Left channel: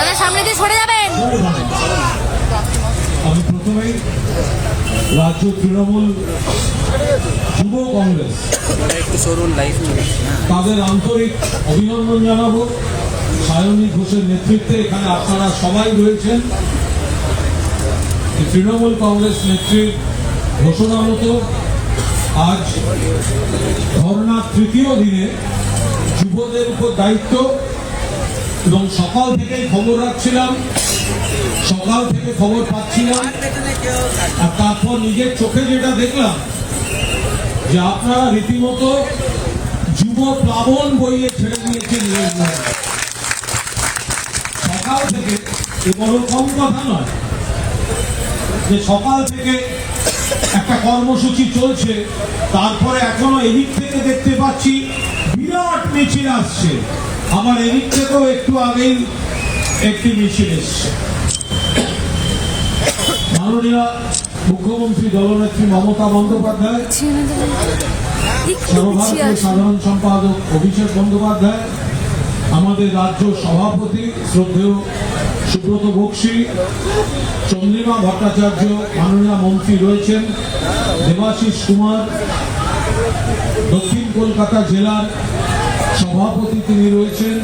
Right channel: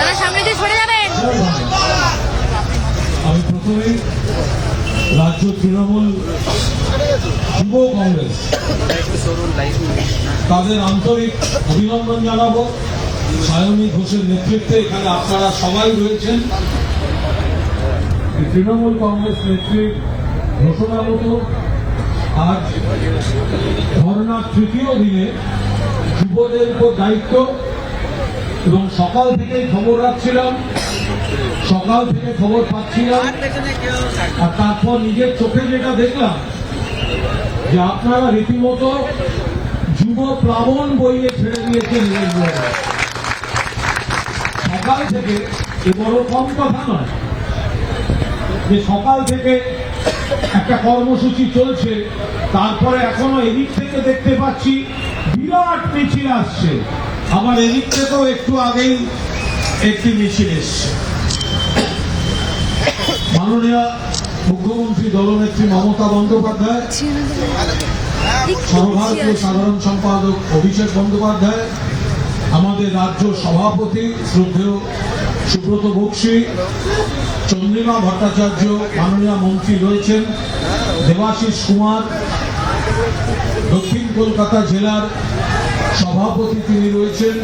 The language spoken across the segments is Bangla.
দাদা সামনে দিয়ে সরে যাবেন। আমি প্রথমেই রাজ্য তৃণমূল যুব কংগ্রেস তাদের আন্তরিক অভিনন্দন জানাবো। সায়নী ঘোষের নেতৃত্বে এখানে আপনারা সবাই রয়েছেন। তৃণমূল কংগ্রেস নেত্রীর ঘোষণা মতো আজ ধর্নার তৃতীয় দিনে যুবদের উপর দায়িত্ব, এবং সকাল থেকেই খবর রাখছিলাম, সকাল থেকে খবর পাচ্ছিলাম, আর তারপর নিজের চোখে যেটা দেখলাম যে আপনারা রীতিমতো যুব প্লাবন বইয়ে ছেড়ে দিয়েছেন। সকাল থেকে এ বড় কম কথা নয় যে সকাল থেকে একটা কর্মসূচি চলছে, তারপরে এখনো এদিক থেকে দেখতে পাচ্ছি বিরাট মিছিল আসছে, আমার এদিক থেকেও একটু আগেই একটি মিছিল এসছে। মাননীয় মুখ্যমন্ত্রী দলনেত্রী মমতা বন্দ্যোপাধ্যায়, সর্বভারতীয় সাধারণ সম্পাদক অভিষেক বন্দ্যোপাধ্যায়, আমাদের রাজ্য সভাপতি শ্রদ্ধেয় সুব্রত বক্সী, চন্দ্রিমা ভট্টাচার্য, মাননীয় মন্ত্রী রয়েছেন, দেবাশিস কুমার, দক্ষিণ কলকাতা জেলার সভাপতি তিনি রয়েছেন,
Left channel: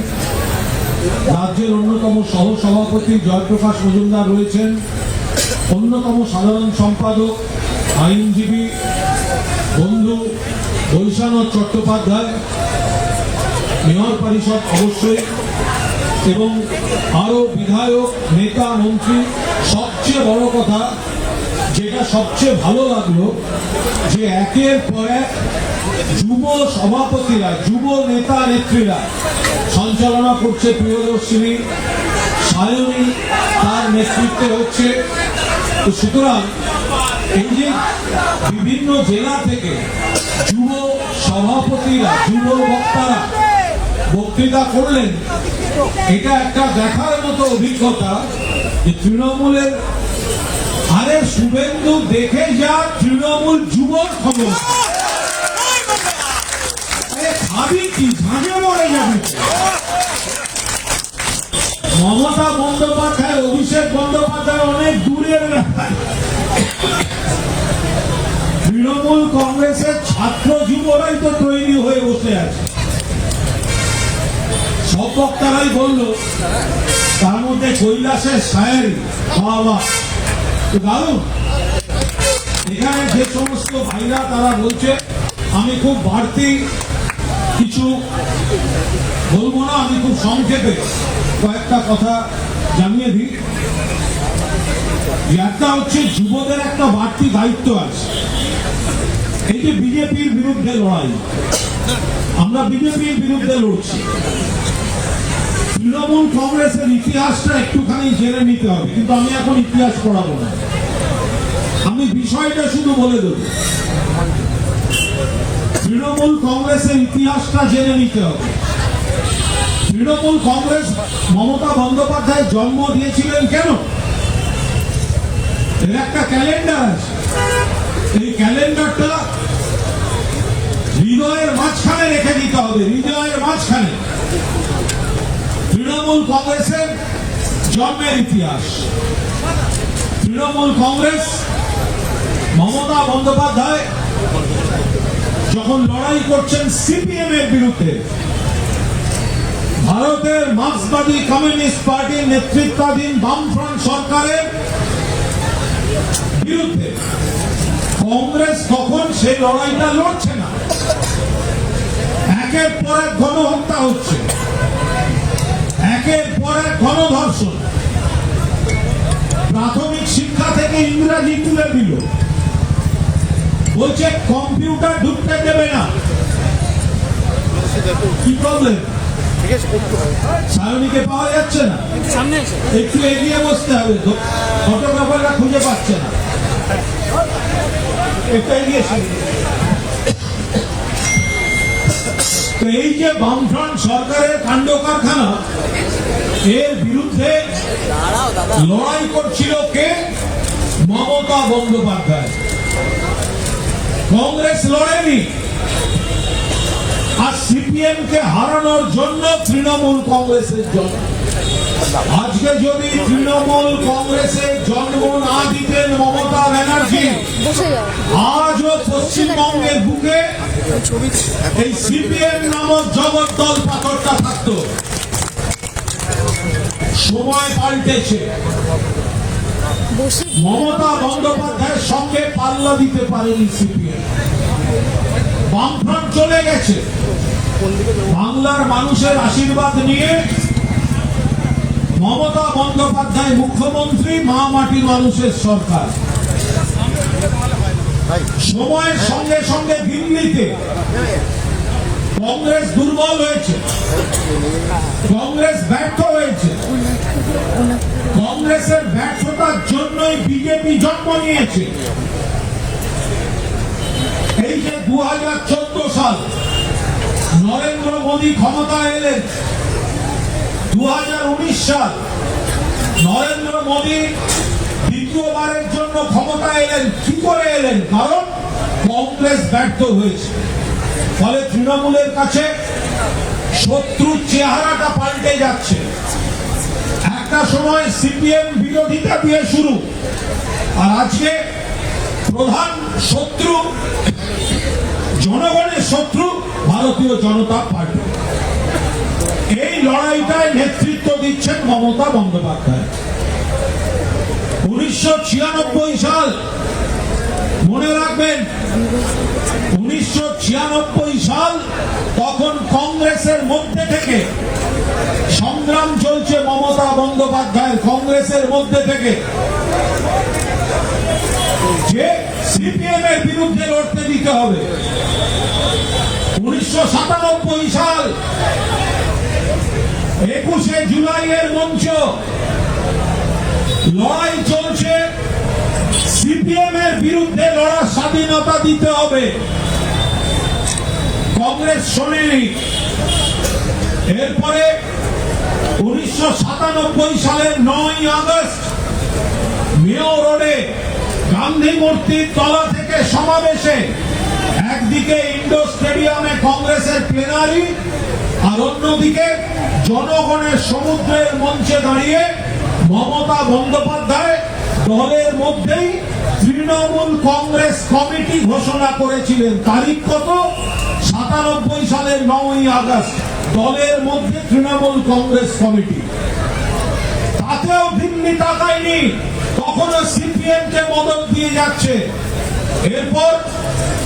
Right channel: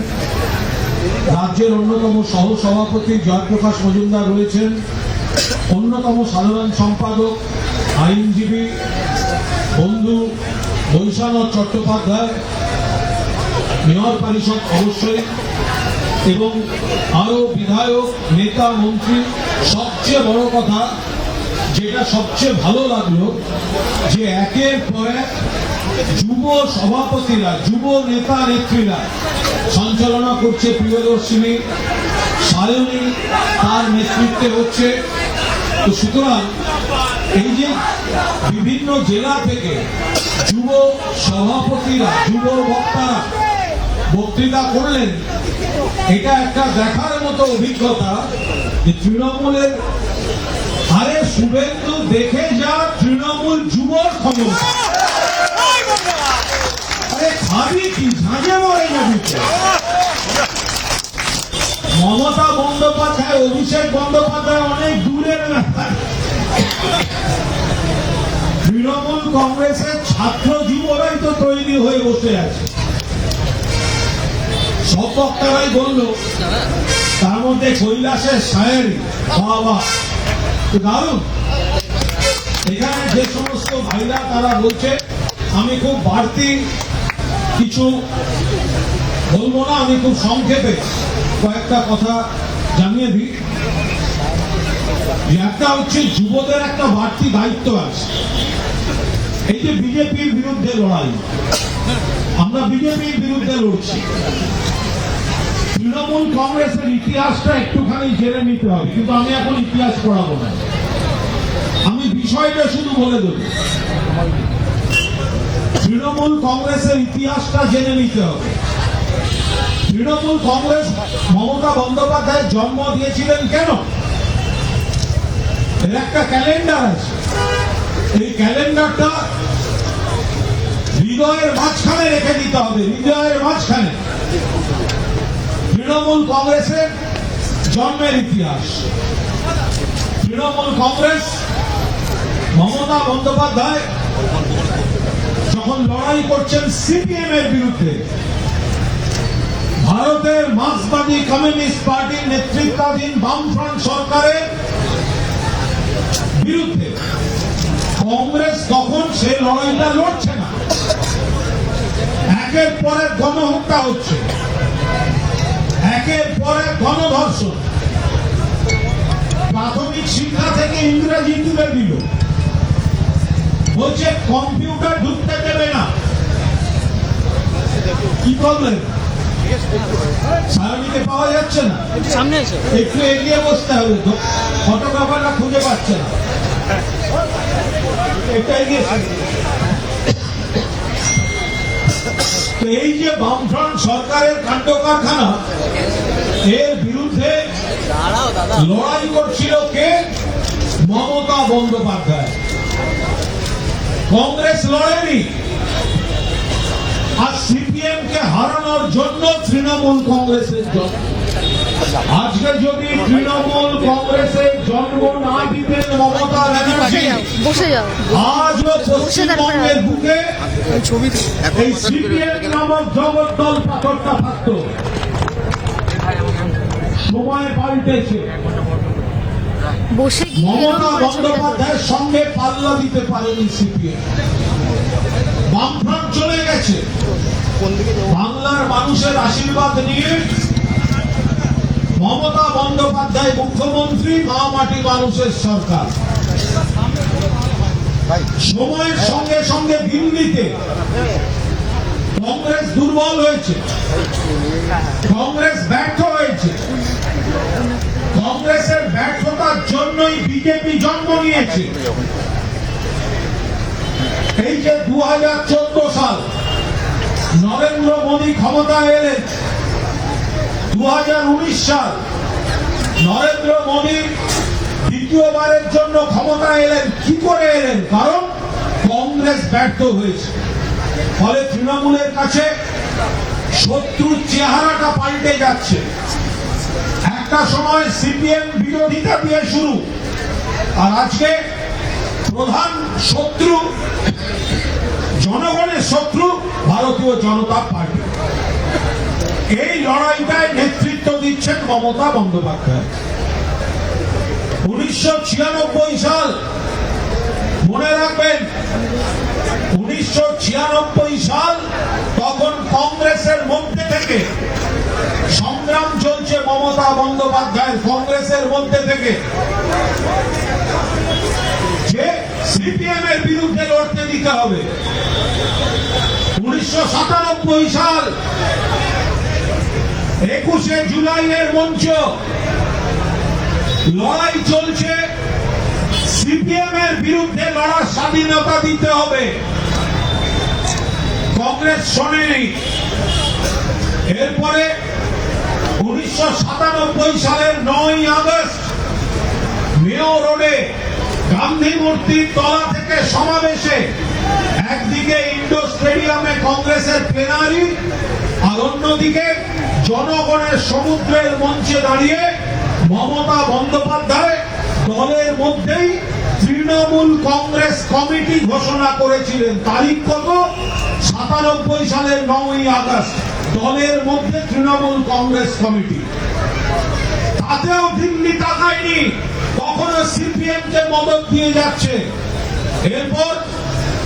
রাজ্যের অন্যতম সহ সভাপতি জয়প্রকাশ মজুমদার রয়েছেন, অন্যতম সাধারণ সম্পাদক আইনজীবী বন্ধু বৈশানাথ চট্টোপাধ্যায়, মেয়র পরিষদ অবশ্যই, এবং আরো বিধায়ক, নেতা, মন্ত্রী। সবচেয়ে বড় কথা যেটা সবচেয়ে ভালো লাগলো যে একের পর এক যুব সভাপতিরা, যুব নেতা নেত্রীরা সঞ্চালনা করছে প্রিয়দর্শিনী, সায়নী তার নেতৃত্বে হচ্ছে। তো সুতরাং এই যে বিভিন্ন জেলা থেকে যুব সভাপতিরা, যুব বক্তারা বক্তৃতা করলেন, এটা একটা দেখার মতো অভিজ্ঞতা যে তৃণমূলের, আরে শুভেন্দু দেখে যা তৃণমূল যুবর ক্ষমতা, আরে খাবি কি ঝাঁঝে মরে যাবে। মমতা বন্দ্যোপাধ্যায়, অভিষেক বন্দ্যোপাধ্যায় অনেক দূরের ব্যাপার। তৃণমূল কংগ্রেসের ছাত্র যুবরাই তো তৈরি হয়ে বসে আছে। সব বক্তারাই বলল, তার মধ্যে কৈলাসের শায়েরি বাবা দারুণ। এখানে যে সমস্ত ভাইরা তারা বলছে, আমি খুব বাড়তি কিছু বলবো না, আমি খুব সংক্ষেপে কয়েকটা কথা জানিয়ে দিই। একটা হচ্ছে যুবদের একটা বাড়তি দায়িত্ব আছে। এই যে বিজেপির বিরুদ্ধে লড়াই, আমরা বিজেপির বিরুদ্ধে লড়ছি, তৃণমূল কংগ্রেসের ইতিহাসটা একটুখানি জেনে নিতে হবে, কিন্তু আমি এখন ইতিহাস পড়াবো না, আমি বিষয়টা শুধু বলে দেব। তৃণমূল কংগ্রেসের ইতিহাসটা জেনে নিতে হবে। তৃণমূল কংগ্রেস মমতা বন্দ্যোপাধ্যায় জন্ম দিয়েছিলেন কেন? এর একটা ক্যালেন্ডার আছে, এই ক্যালেন্ডারটা হৃদয়ের মাঝখানে রেখে দিতে হবে, হৃদয়ের মাঝখানে। তৃণমূল কংগ্রেসের জন্মের ইতিহাস। তৃণমূল কংগ্রেস মমতা বন্দ্যোপাধ্যায় যখন লড়াই করছেন সিপিএম এর বিরুদ্ধে, ভারতের মার্ক্সবাদী কমিউনিস্ট পার্টির নেতৃত্বাধীন বামফ্রন্ট সরকারের বিরুদ্ধে, কংগ্রেস তখন সেই লড়াইটা লড়ছে না। একের পর এক গণহত্যা হচ্ছে, একের পর এক গণধর্ষণ, প্রাথমিক শিক্ষা থেকে ইংরেজি তুলে দিল, বলছে কম্পিউটার ঢুকতে দেবে না। কি প্রবলেম? সায়নীকে পাওয়া যাচ্ছে না, একটু এগিয়ে বসতে হবে, ফটোগ্রাফাররা খুঁজে পাচ্ছে না, একটু এগিয়ে। এই যে বামফ্রন্ট সরকারের কাণ্ড কারখানা, এর বিরুদ্ধে লড়াই করছিল কে? মমতা বন্দ্যোপাধ্যায়। কংগ্রেস লড়েনি, আর সিপিএম কে হারানোর জন্য তৃণমূল কংগ্রেসের জন্য আজকে যদি তৃণমূল কংগ্রেসের জন্ম না দিতেন মমতা ব্যানার্জি, বসে যাও। আজও পশ্চিমবঙ্গের বুকে এই সিপিএম নামক জগদ্দল পাথরটা থাকতো। সময় পাল্টেছে। বসে মমতা বন্দ্যোপাধ্যায়ের সঙ্গে পাল্লা দিতে পারেনি সিপিএম। বামফ্রন্ট চলে গেছে। বাংলার মানুষের আশীর্বাদ নিয়ে মমতা বন্দ্যোপাধ্যায় মুখ্যমন্ত্রী, মা মাটি মানুষের সরকার। সময়ের সঙ্গে সঙ্গে দিল্লিতে কংগ্রেস দুর্বল হয়েছে, কংগ্রেস ব্যর্থ হয়েছে। কংগ্রেসের ব্যর্থতার জন্যই বিজেপি জন্ম নিয়েছে। এই যে 2014 সাল নরেন্দ্র মোদী ক্ষমতায় এলেন, 2019 সাল নরেন্দ্র মোদী দ্বিতীয়বারের জন্য ক্ষমতায় এলেন। কি করে এলেন? কারণ কংগ্রেস ব্যর্থ হয়েছে। ফলে তৃণমূলের কাছে শত্রুর চেহারাটা পাল্টে যাচ্ছে। একটা সময় সিপিএম বিরোধিতা দিয়ে শুরু, আর আজকে প্রধান শত্রু, জনগণের শত্রু ভারতীয় জনতা পার্টি। এই লড়াইটায় নেতৃত্ব দিচ্ছেন মমতা বন্দ্যোপাধ্যায়। 1996 সাল, মনে রাখবেন, 1996 সাল, তখন কংগ্রেসের মধ্যে থেকে সংগ্রাম চলছে। মমতা বন্দ্যোপাধ্যায়ের কংগ্রেসের মধ্যে থেকে যে সিপিএম এর বিরুদ্ধে লড়তে দিতে হবে। 1997 সাল 21শে জুলাইয়ের মঞ্চ, লড়াই চলছে। সিপিএম এর বিরুদ্ধে লড়ার স্বাধীনতা দিতে হবে। কংগ্রেস শোনেনি। এরপরে 1997 সালের 9ই আগস্ট মেয়ো রোডে গান্ধী মূর্তির তলা থেকে সমাবেশে একদিকে ইন্ডোর স্টেডিয়ামে কংগ্রেসের প্লেনারি, আর অন্যদিকে জনগণের সমুদ্রের মঞ্চে দাঁড়িয়ে মমতা বন্দ্যোপাধ্যায় দলের মধ্যেই তৃণমূল কংগ্রেস কমিটি ঘোষণা করেছিলেন। তারিখ কত? 97 সালের 9ই আগস্ট। দলের মধ্যে তৃণমূল কংগ্রেস কমিটি। তাতেও দিল্লি তাকায়নি, তখনও সিপিএম কে মদত দিয়ে যাচ্ছে। এরপর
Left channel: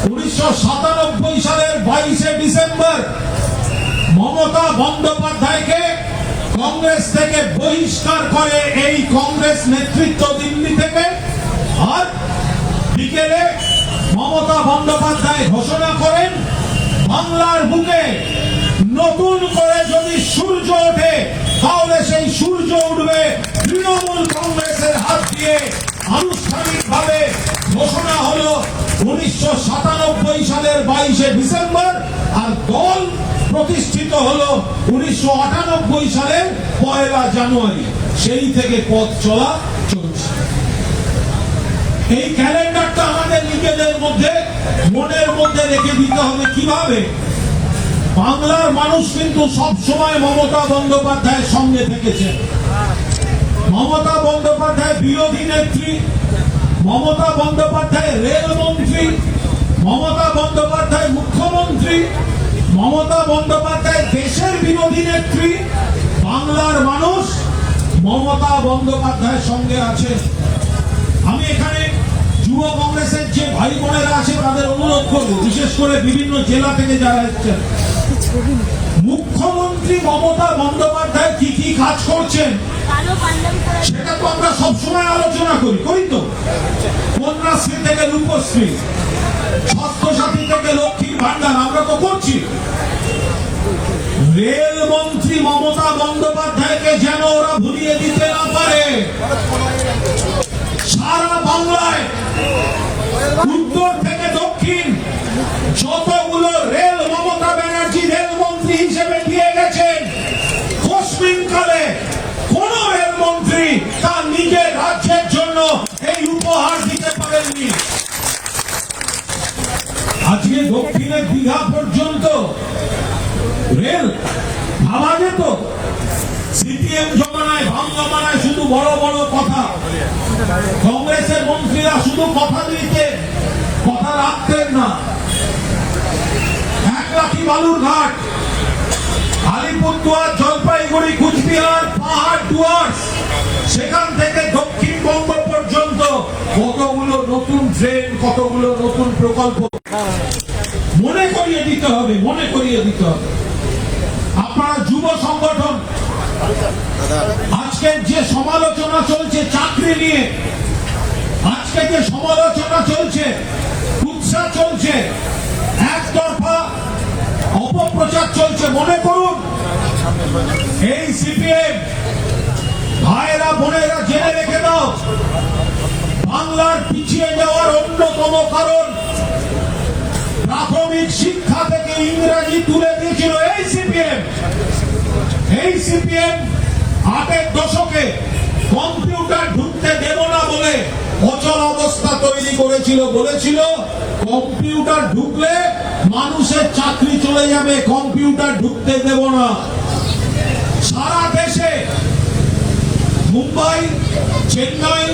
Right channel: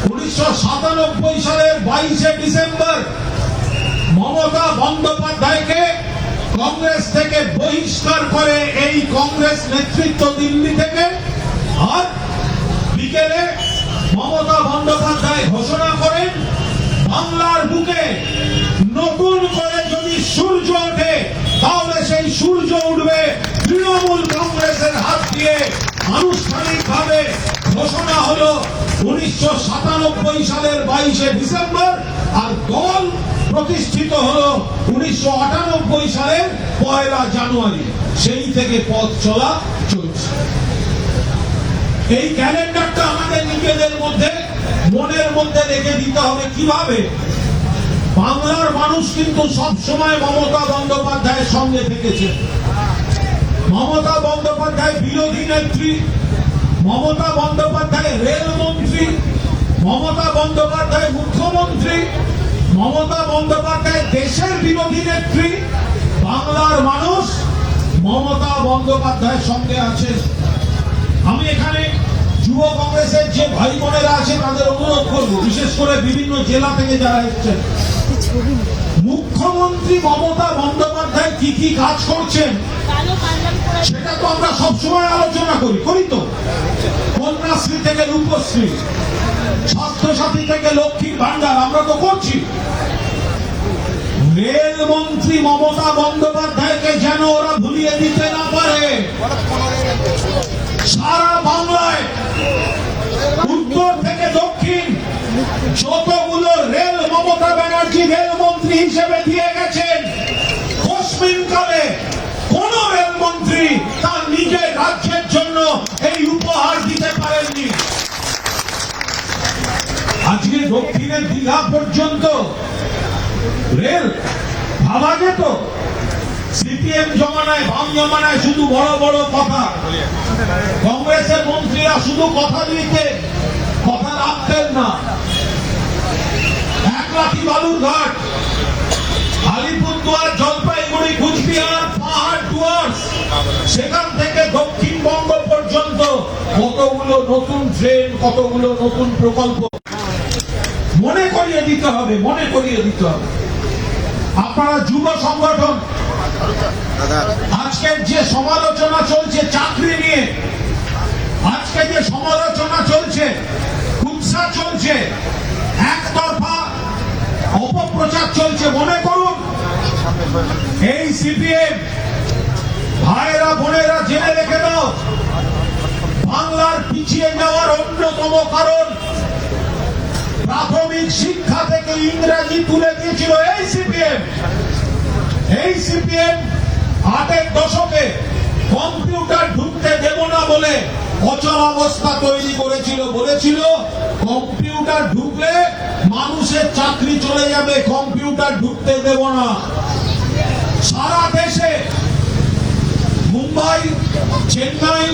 1997 সালের 22শে ডিসেম্বর মমতা বন্দ্যোপাধ্যায়কে কংগ্রেস থেকে বহিষ্কার করে এই কংগ্রেস নেতৃত্ব দিল্লি থেকে। আর বিকেলে মমতা বন্দ্যোপাধ্যায় ঘোষণা করেন, বাংলার বুকে নতুন করে যদি সূর্য ওঠে, তাহলে সেই সূর্য উঠবে তৃণমূল কংগ্রেসের হাত দিয়ে। আনুষ্ঠানিকভাবে ঘোষণা হলো 1997 সালের 22শে ডিসেম্বর, আর দল প্রতিষ্ঠিত হলো 1998 সালের 1 জানুয়ারি। সেই থেকে পথ চলা চলছে। এই ক্যালেন্ডারটা আমাদের নিজেদের মধ্যে, মনের মধ্যে রেখে দিতে হবে। কিভাবে? বাংলার মানুষ কিন্তু সবসময় মমতা বন্দ্যোপাধ্যায়ের সঙ্গে থেকেছে। মমতা বন্দ্যোপাধ্যায় বিরোধী নেত্রী, মমতা বন্দ্যোপাধ্যায় রেলমন্ত্রী, মমতা বন্দ্যোপাধ্যায় মুখ্যমন্ত্রী, মমতা বন্দ্যোপাধ্যায় দেশের বিরোধী নেত্রী। বাংলার মানুষ মমতা বন্দ্যোপাধ্যায়ের সঙ্গে আছে। আমি এখানে যুব কংগ্রেসের যে ভাই বোনেরা আছে তাদের অনুরোধ করবো, বিশেষ করে বিভিন্ন জেলা থেকে যারা এসেছেন, মুখ্যমন্ত্রী মমতা বন্দ্যোপাধ্যায় কি কি কাজ করছেন সেটা তো আমরা সবসময় আলোচনা করি তো। কন্যাশ্রী থেকে রূপশ্রী, স্বাস্থ্যসাথী থেকে লক্ষ্মীর ভান্ডার আমরা তো করছি। রেলমন্ত্রী মমতা বন্দ্যোপাধ্যায়কে যেন ওরা ভুলিয়ে দিতে না পারে। সারা বাংলায় উত্তর থেকে দক্ষিণ যতগুলো রেল মমতা ব্যানার্জি রেলমন্ত্রী হিসেবে দিয়ে গেছেন, পশ্চিমকালে কোন রেলমন্ত্রী তার নিজের রাজ্যের জন্য এই উপহার দিতে পারেননি। আজকে দক্ষিণের দীঘা পর্যন্ত রেল ভাবা যেত, সিপিএম জমানায়, বাম জমানায় শুধু বড় বড় কথা, কংগ্রেসের মন্ত্রীরা শুধু কথা দিতেন, কথা রাখতেন না। এক লাঠি বালুরঘাট, আলিপুরদুয়ার, জলপাইগুড়ি, কুচবিহার, পাহাড়, ডুয়ার্স, সেখান থেকে দক্ষিণবঙ্গ পর্যন্ত কতগুলো নতুন ট্রেন, কতগুলো নতুন প্রকল্প মনে করিয়ে দিতে হবে, মনে করিয়ে দিতে হবে। আপনারা যুব সংগঠন, আজকের যে সমালোচনা চলছে চাকরি নিয়ে, আজকে যে সমালোচনা চলছে, কুৎসা চলছে, একতরফা অপপ্রচার চলছে, মনে করুন এই সিপিএম ভাইরা বোনেরা জেনে রেখে দাও, বাংলার পিছিয়ে যাওয়ার অন্যতম কারণ প্রাথমিক শিক্ষা থেকে ইংরেজি তুলে দিয়েছিল এই সিপিএম। এই সিপিএম ৮-এর দশকে কম্পিউটার ঢুকতে দেব না বলে অচল অবস্থা তৈরি করেছিল, বলেছিল কম্পিউটার ঢুকলে মানুষের চাকরি চলে যাবে, কম্পিউটার ঢুকতে দেব না। সারা দেশে মুম্বাই, চেন্নাই,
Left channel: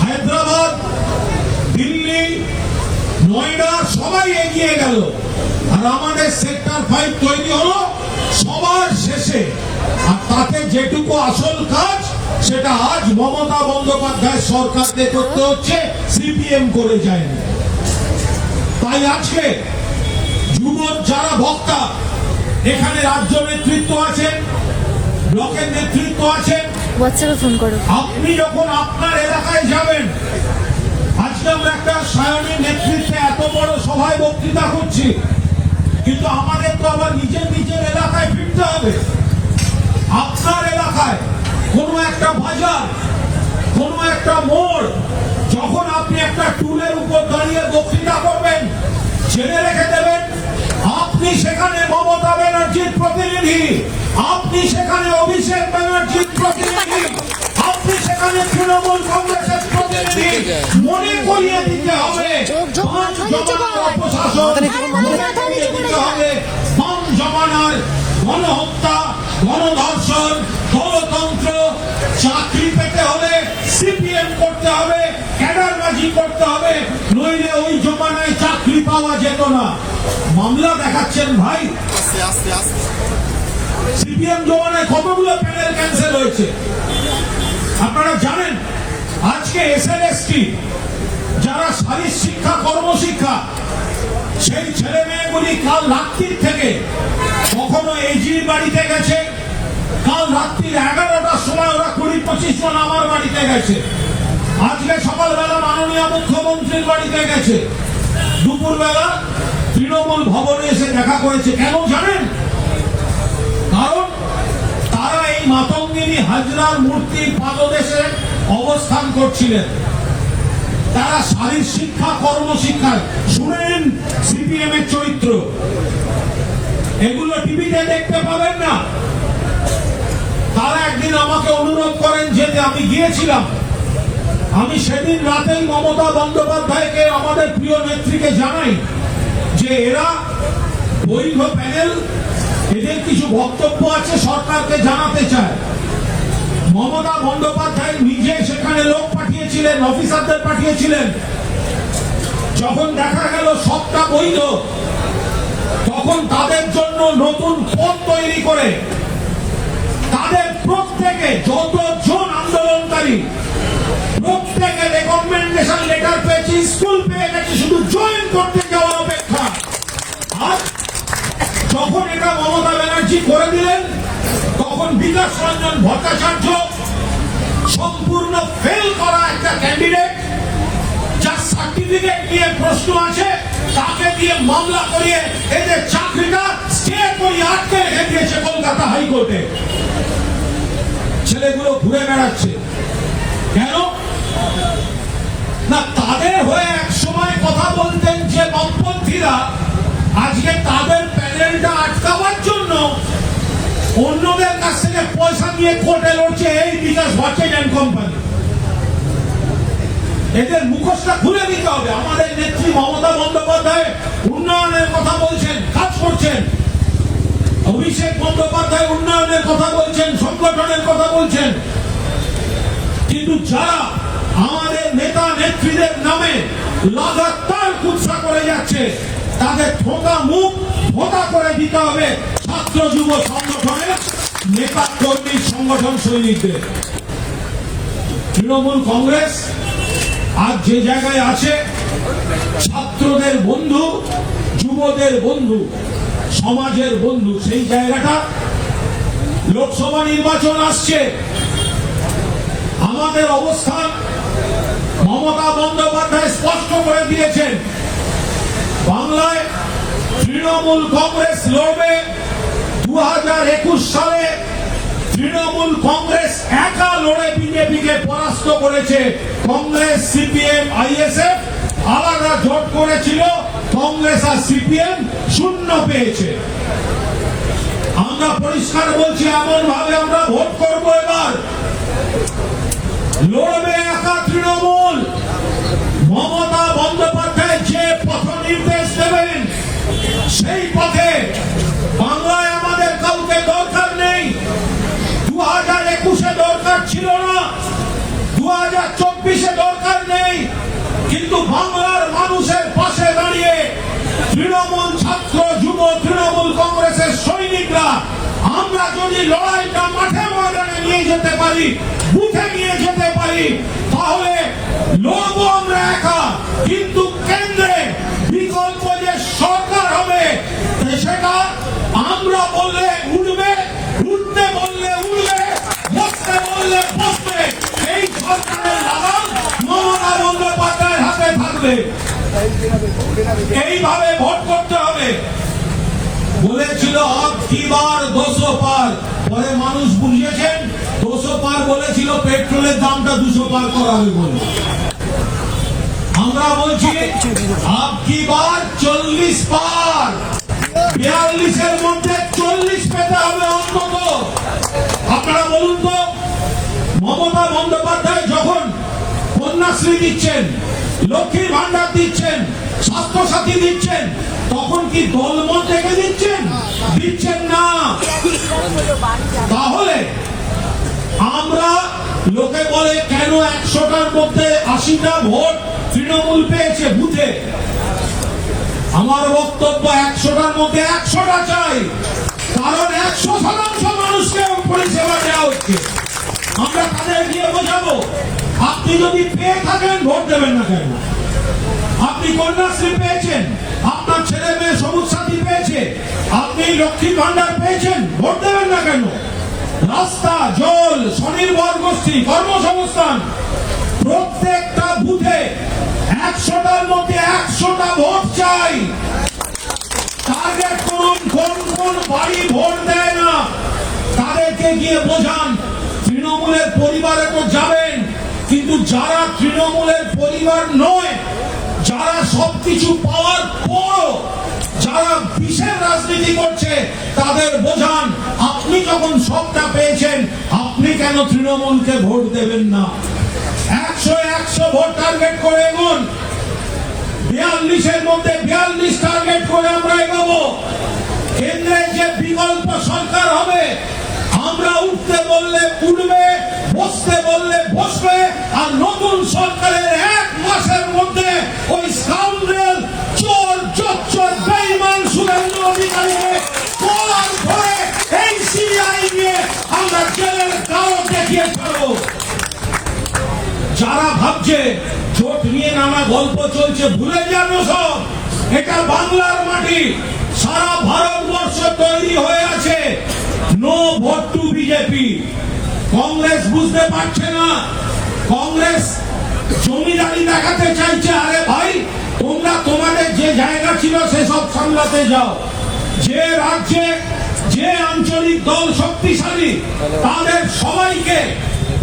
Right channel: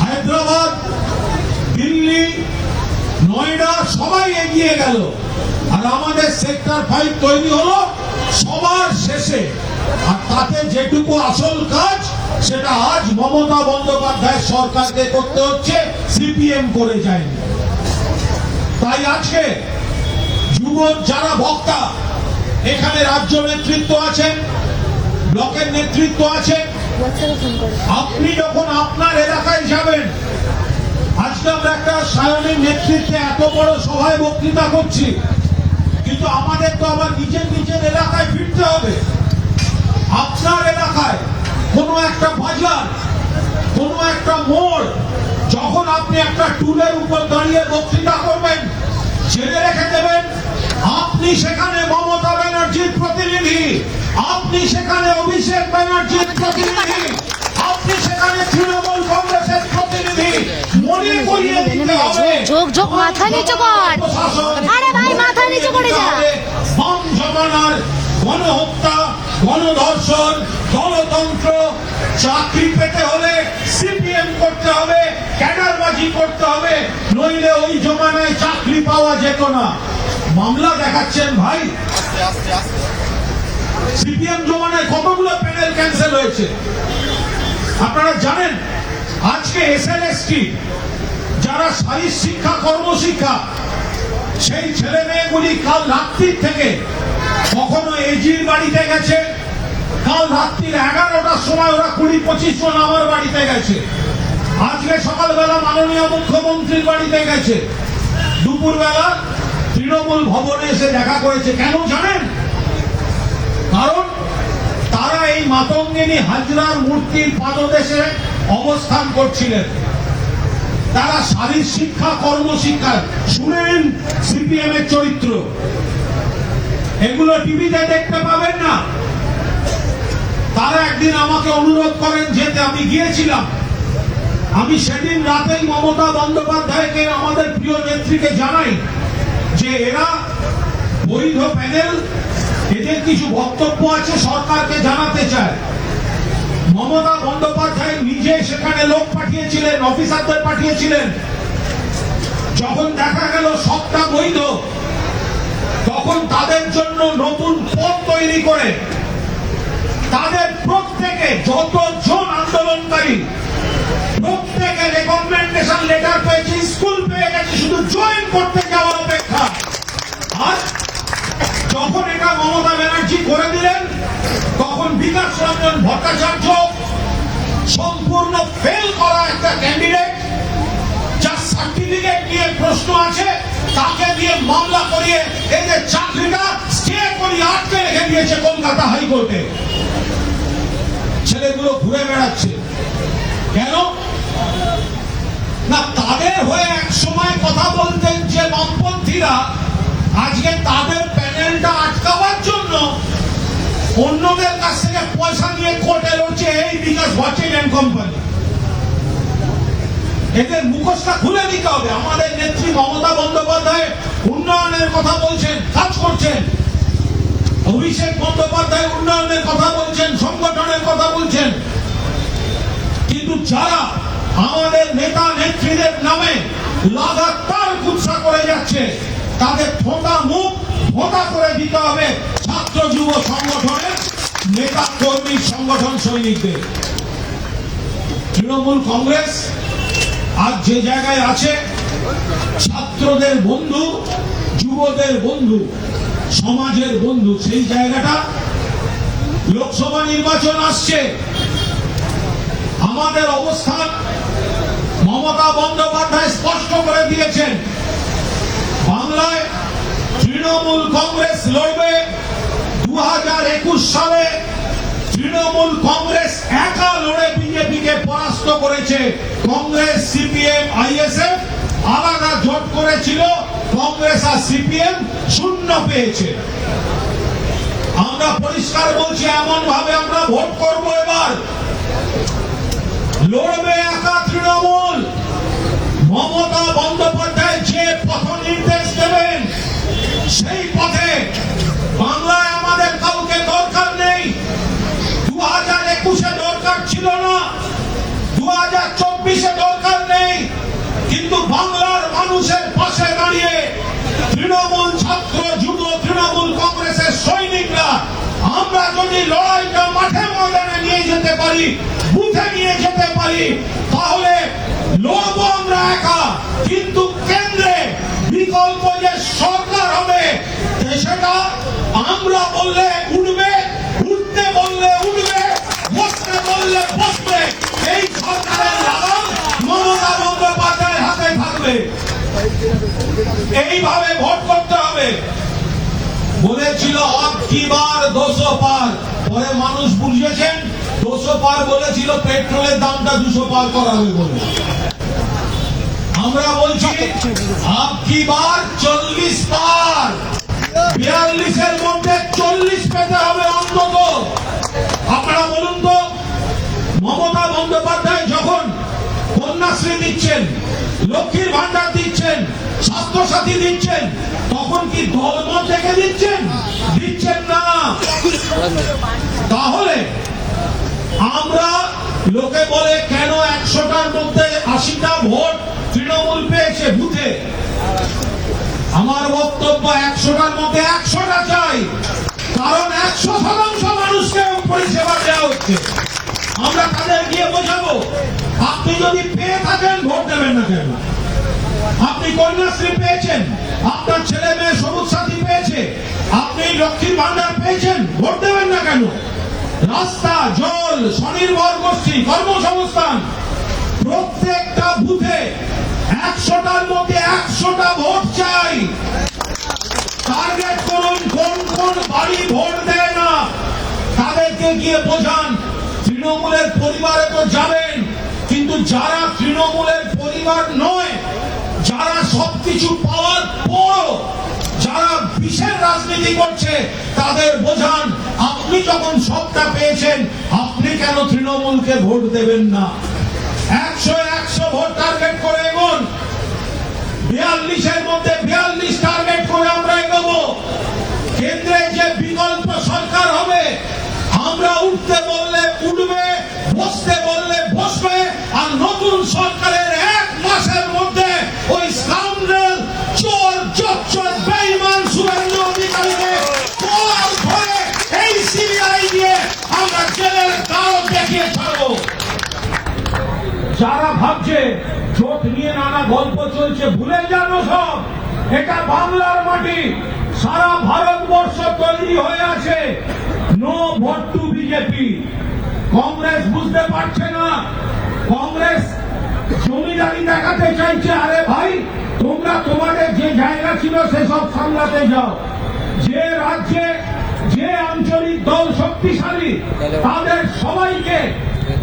হায়দ্রাবাদ, দিল্লি, নয়ডা সবাই এগিয়ে গেল, আর আমাদের সেক্টর 5 তৈরি হলো সবার শেষে। আর তাতে যেটুকু আসল কাজ সেটা আজ মমতা বন্দ্যোপাধ্যায় সরকারকে করতে হচ্ছে, সিপিএম করে যায়নি। তাই আজকে যুব যারা বক্তা, এখানে রাজ্য নেতৃত্ব আছেন, ব্লকের নেতৃত্ব আছেন, হোয়াটসঅ্যাপে ফোন করো। আপনি যখন আপনার এলাকায় যাবেন, আজকে আমরা একটা সায়নের নেতৃত্বে এত বড় সভায় বক্তৃতা করছি, কিন্তু আমাদের তো আবার নিজের নিজের এলাকায় ফিরতে হবে। আপনার এলাকায় কোনো একটা বাজার, কোনো একটা মোড়, যখন আপনি একটা টুলের উপর দাঁড়িয়ে বক্তৃতা করবেন, জেনে রেখে দেবেন আপনি সেখানে মমতা ব্যানার্জির প্রতিনিধি, আপনি সেখানে অভিষেক ব্যানার্জির প্রতিনিধি, আপনি সেখানে তৃণমূল কংগ্রেসের প্রতিনিধি। মনে করিয়ে দিতে হবে মাথা নিচু কর, আরে ভাই মাথা নিচু করে যা। বাম জমানার গণহত্যা, গণধর্ষণ, গণতন্ত্র, চাকরি পেতে হলে সিপিএম করতে হবে, ক্যাডারবাজি করতে হবে, নইলে ওই জমানায় চাকরি পাওয়া যেত না। মামলা দেখাচ্ছেন ভাই, সিপিএম জমানায় কতগুলো প্যানেল ক্যান্সেল হয়েছে আপনারা জানেন। আজকে এসএলএসটি যারা শারীরিক শিক্ষা, কর্মশিক্ষা, সেই ছেলে মেয়েগুলি কাল রাত্রির থেকে কখনো এজির বাড়িতে গেছে, কাল রাত্রির 11টার সময় ওরা 20-25 জন আমার বাড়িতে গেছে, আজকে সকালবেলা মাননীয় মুখ্যমন্ত্রীর বাড়িতে গেছে, দুপুরবেলা তৃণমূল ভবনে এসে দেখা করেছে। কেন জানেন? কারণ তারা এই মাতঙ্গিনী হাজরার মূর্তির পাদদেশে অবস্থান করছিলেন। তারা শারীরিক শিক্ষা, কর্মশিক্ষা, শুনেন সিপিএম এর চরিত্র, এগুলো টিভিতে দেখতে পাবেন না। তারা একদিন আমাকে অনুরোধ করেন যেতে, আমি গিয়েছিলাম। আমি সেদিন রাতেই মমতা বন্দ্যোপাধ্যায়কে, আমাদের প্রিয় নেত্রীকে জানাই যে এরা বৈধ প্যানেল, এদের কিছু বক্তব্য আছে, সরকারকে জানাতে চায়। মমতা বন্দ্যোপাধ্যায় নিজে সেখানে লোক পাঠিয়েছিলেন, অফিসারদের পাঠিয়েছিলেন। যখন দেখা গেল সবটা বৈধ, তখন তাদের জন্য নতুন পথ তৈরি করে তাদের প্রত্যেকে, যতজন আন্দোলনকারী, প্রত্যেকে রেকমেন্ডেশন লেটার পেয়েছে, স্কুল পেয়ে গেছে, শুধু জয়েন করতে যাওয়ার অপেক্ষা। আর যখন এটা মমতা ব্যানার্জি করে দিলেন, তখন বিকাশ রঞ্জন ভট্টাচার্য, সম্পূর্ণ ফেল করা একটা ক্যান্ডিডেট, যার সার্টিফিকেট নিয়ে প্রশ্ন আছে, তাকে দিয়ে মামলা করিয়ে এদের চাকরিটা স্টে করিয়ে আটকে রেখে দিয়েছে কলকাতা হাইকোর্টে। ছেলেগুলো ঘুরে বেড়াচ্ছে কেন? না, তাদের হয়ে এক সময় কথা বলতেন যে বামপন্থীরা, আজকে তাদের প্যানেলটা আটকাবার জন্য অন্যদের কাছ থেকে পয়সা নিয়ে কোর্টে লড়ছে এই বিকাশ ভট্টাচার্য কোম্পানি। এদের মুখোশটা খুলে দিতে হবে। আমাদের নেত্রী মমতা বন্দ্যোপাধ্যায় উন্নয়নের কথা বলছেন, কাজ করছেন, অভিষেক বন্দ্যোপাধ্যায় উন্নয়নের কথা বলছেন, সংগঠনের কথা বলছেন, কিন্তু যারা আমাদের নেতা নেত্রীদের নামে লাগাতার কুৎসা করে যাচ্ছে তাদের ঠোঁটা মুখ ভোটা করে দিতে হবে ছাত্র যুব সংগঠনের নেতা কর্মী সংগঠন সৈনিকদের। তৃণমূল কংগ্রেস আজ যে জায়গায় আছে, ছাত্রদের বন্ধু, যুবদের বন্ধু, সমাজের বন্ধু, সেই জায়গাটা লোকসভা নির্বাচন আসছে। আমাদের অবস্থান মমতা বন্দ্যোপাধ্যায় স্পষ্ট করে দিয়েছেন, বাংলায় তৃণমূল কংগ্রেস লড়বে। 2021 সালে তৃণমূল কংগ্রেস একা লড়ে বিজেপিকে পরাস্ত করেছে। কংগ্রেস, সিপিএম, আইএসএফ আলাদা জোট করেছিল, কংগ্রেস আর সিপিএম শূন্য পেয়েছে। আমরা পরিষ্কার বলছি, এমন ভাবে আমরা ভোট করব, এবার লড়বে একা তৃণমূল। মমতা বন্দ্যোপাধ্যায় যে পথ নির্দেশ দেবেন সেই পথে। বাংলায় আমাদের কাউকে দরকার নেই। 2021-এ দরকার ছিল না, 2024-এ দরকার নেই, কিন্তু বাংলার মানুষের পাশে দাঁড়িয়ে তৃণমূল ছাত্র যুব তৃণমূল কংগ্রেসের সৈনিকরা আমরা যদি লড়াইটা মাঠে ময়দানে নিয়ে যেতে পারি, বুথে নিয়ে যেতে পারি, তাহলে লড়বো আমরা একা। কিন্তু কেন্দ্রে বিকল্প যে সরকার হবে সেটা আমরা বললে উঠবে, উঠতে বললে উঠবে, বসতে বললে বসবে। এই সরকারের লাগাম মমতা বন্দ্যোপাধ্যায়ের হাতে থাকবে। এইভাবে ভোট করতে হবে। বলেছিল আব কি বার 200 পার, পরে মানুষ বুঝিয়েছেন 200 পার বলেছিল পেট্রোলের দামটা 200 পার করা হবে বলে। আমরা বলছি আব কি বার 40 পার, 42-এর মধ্যে 40 পেতে হবে অন্তত। আপনারা বলুন তো, মমতা বন্দ্যোপাধ্যায় যখন কন্যাশ্রী দিচ্ছেন, লক্ষ্মীর ভান্ডার দিচ্ছেন, স্বাস্থ্যসাথী দিচ্ছেন, তখন কি দলমত দেখে দিচ্ছেন? দিচ্ছেন না। তাহলে আমরা, লোকে বলে কেন 100টার মধ্যে 80টা ভোট তৃণমূল পেয়েছে বুথে। আমার বক্তব্য 100টার মধ্যে 100টা চাই, কারণ 100% মানুষকে পরিষেবা দেওয়া হচ্ছে। আমরা তাদের গিয়ে বোঝাবো, আপনি যদি পেয়ে থাকেন ভোট দেবেন না কেন? আপনি কন্যাশ্রী পেয়েছেন, আপনার ছেলে মেয়ে সবুজ সাথী পেয়েছে, আপনি লক্ষ্মীর ভান্ডার পেয়েছেন, ভোট দেবেন না কেন? রাস্তা, জল, স্বনির্ভর গোষ্ঠী, কর্মসংস্থান, প্রত্যেকটা বুথে 100টার মধ্যে 100টা ভোট চাই। টার্গেট করুন কোন কোন বাড়ি ভোট দেয় না, তাদেরকে গিয়ে বোঝান। তৃণমূলের পরিবারে তো যাবেন, কিন্তু যারা তৃণমূলের পরিবার নয়, যারা সবকিছু পাওয়ার পরও যারা বিষের রাজনীতি করছে, তাদের বোঝান আপনি যখন সবটা পেয়েছেন, আপনি কেন তৃণমূলকে ভোট দেবেন না? 100 ভোট টার্গেট করে এগোন। 42-এর মধ্যে 42 টার্গেট করে আমরা এগোবো। কেন্দ্রে যে বিকল্প সরকার হবে, আমরা উঠতে বললে উঠবে, বসতে বললে বসবে। আর নতুন সরকারের 1 মাসের মধ্যে ওই স্কাউন্ডারেল, চোর, জোচ্চোর, বেঈমান শুভেন্দু অধিকারীকে পর ভরে এই সিবিআই দিয়ে আমরা জেলের কারণ দেখিয়ে ছাড়বো। যারা ভাবছে জোট নিয়ে নানা গল্প চলছে, ভুলে যান সব। এটা বাংলার মাটি, সারা ভারতবর্ষ তৈরি হয়ে আছে no vote to BJP. Congress বুঝতে পারছে না, কংগ্রেস জমিদারি দেখাতে চাইছে। আরে ভাই, তোমরা তোমাদের যে জায়গা ছিল সেসব সামলাতে যাও। যে রাজ্যে যে আঞ্চলিক দল শক্তিশালী, তাদের সবাইকে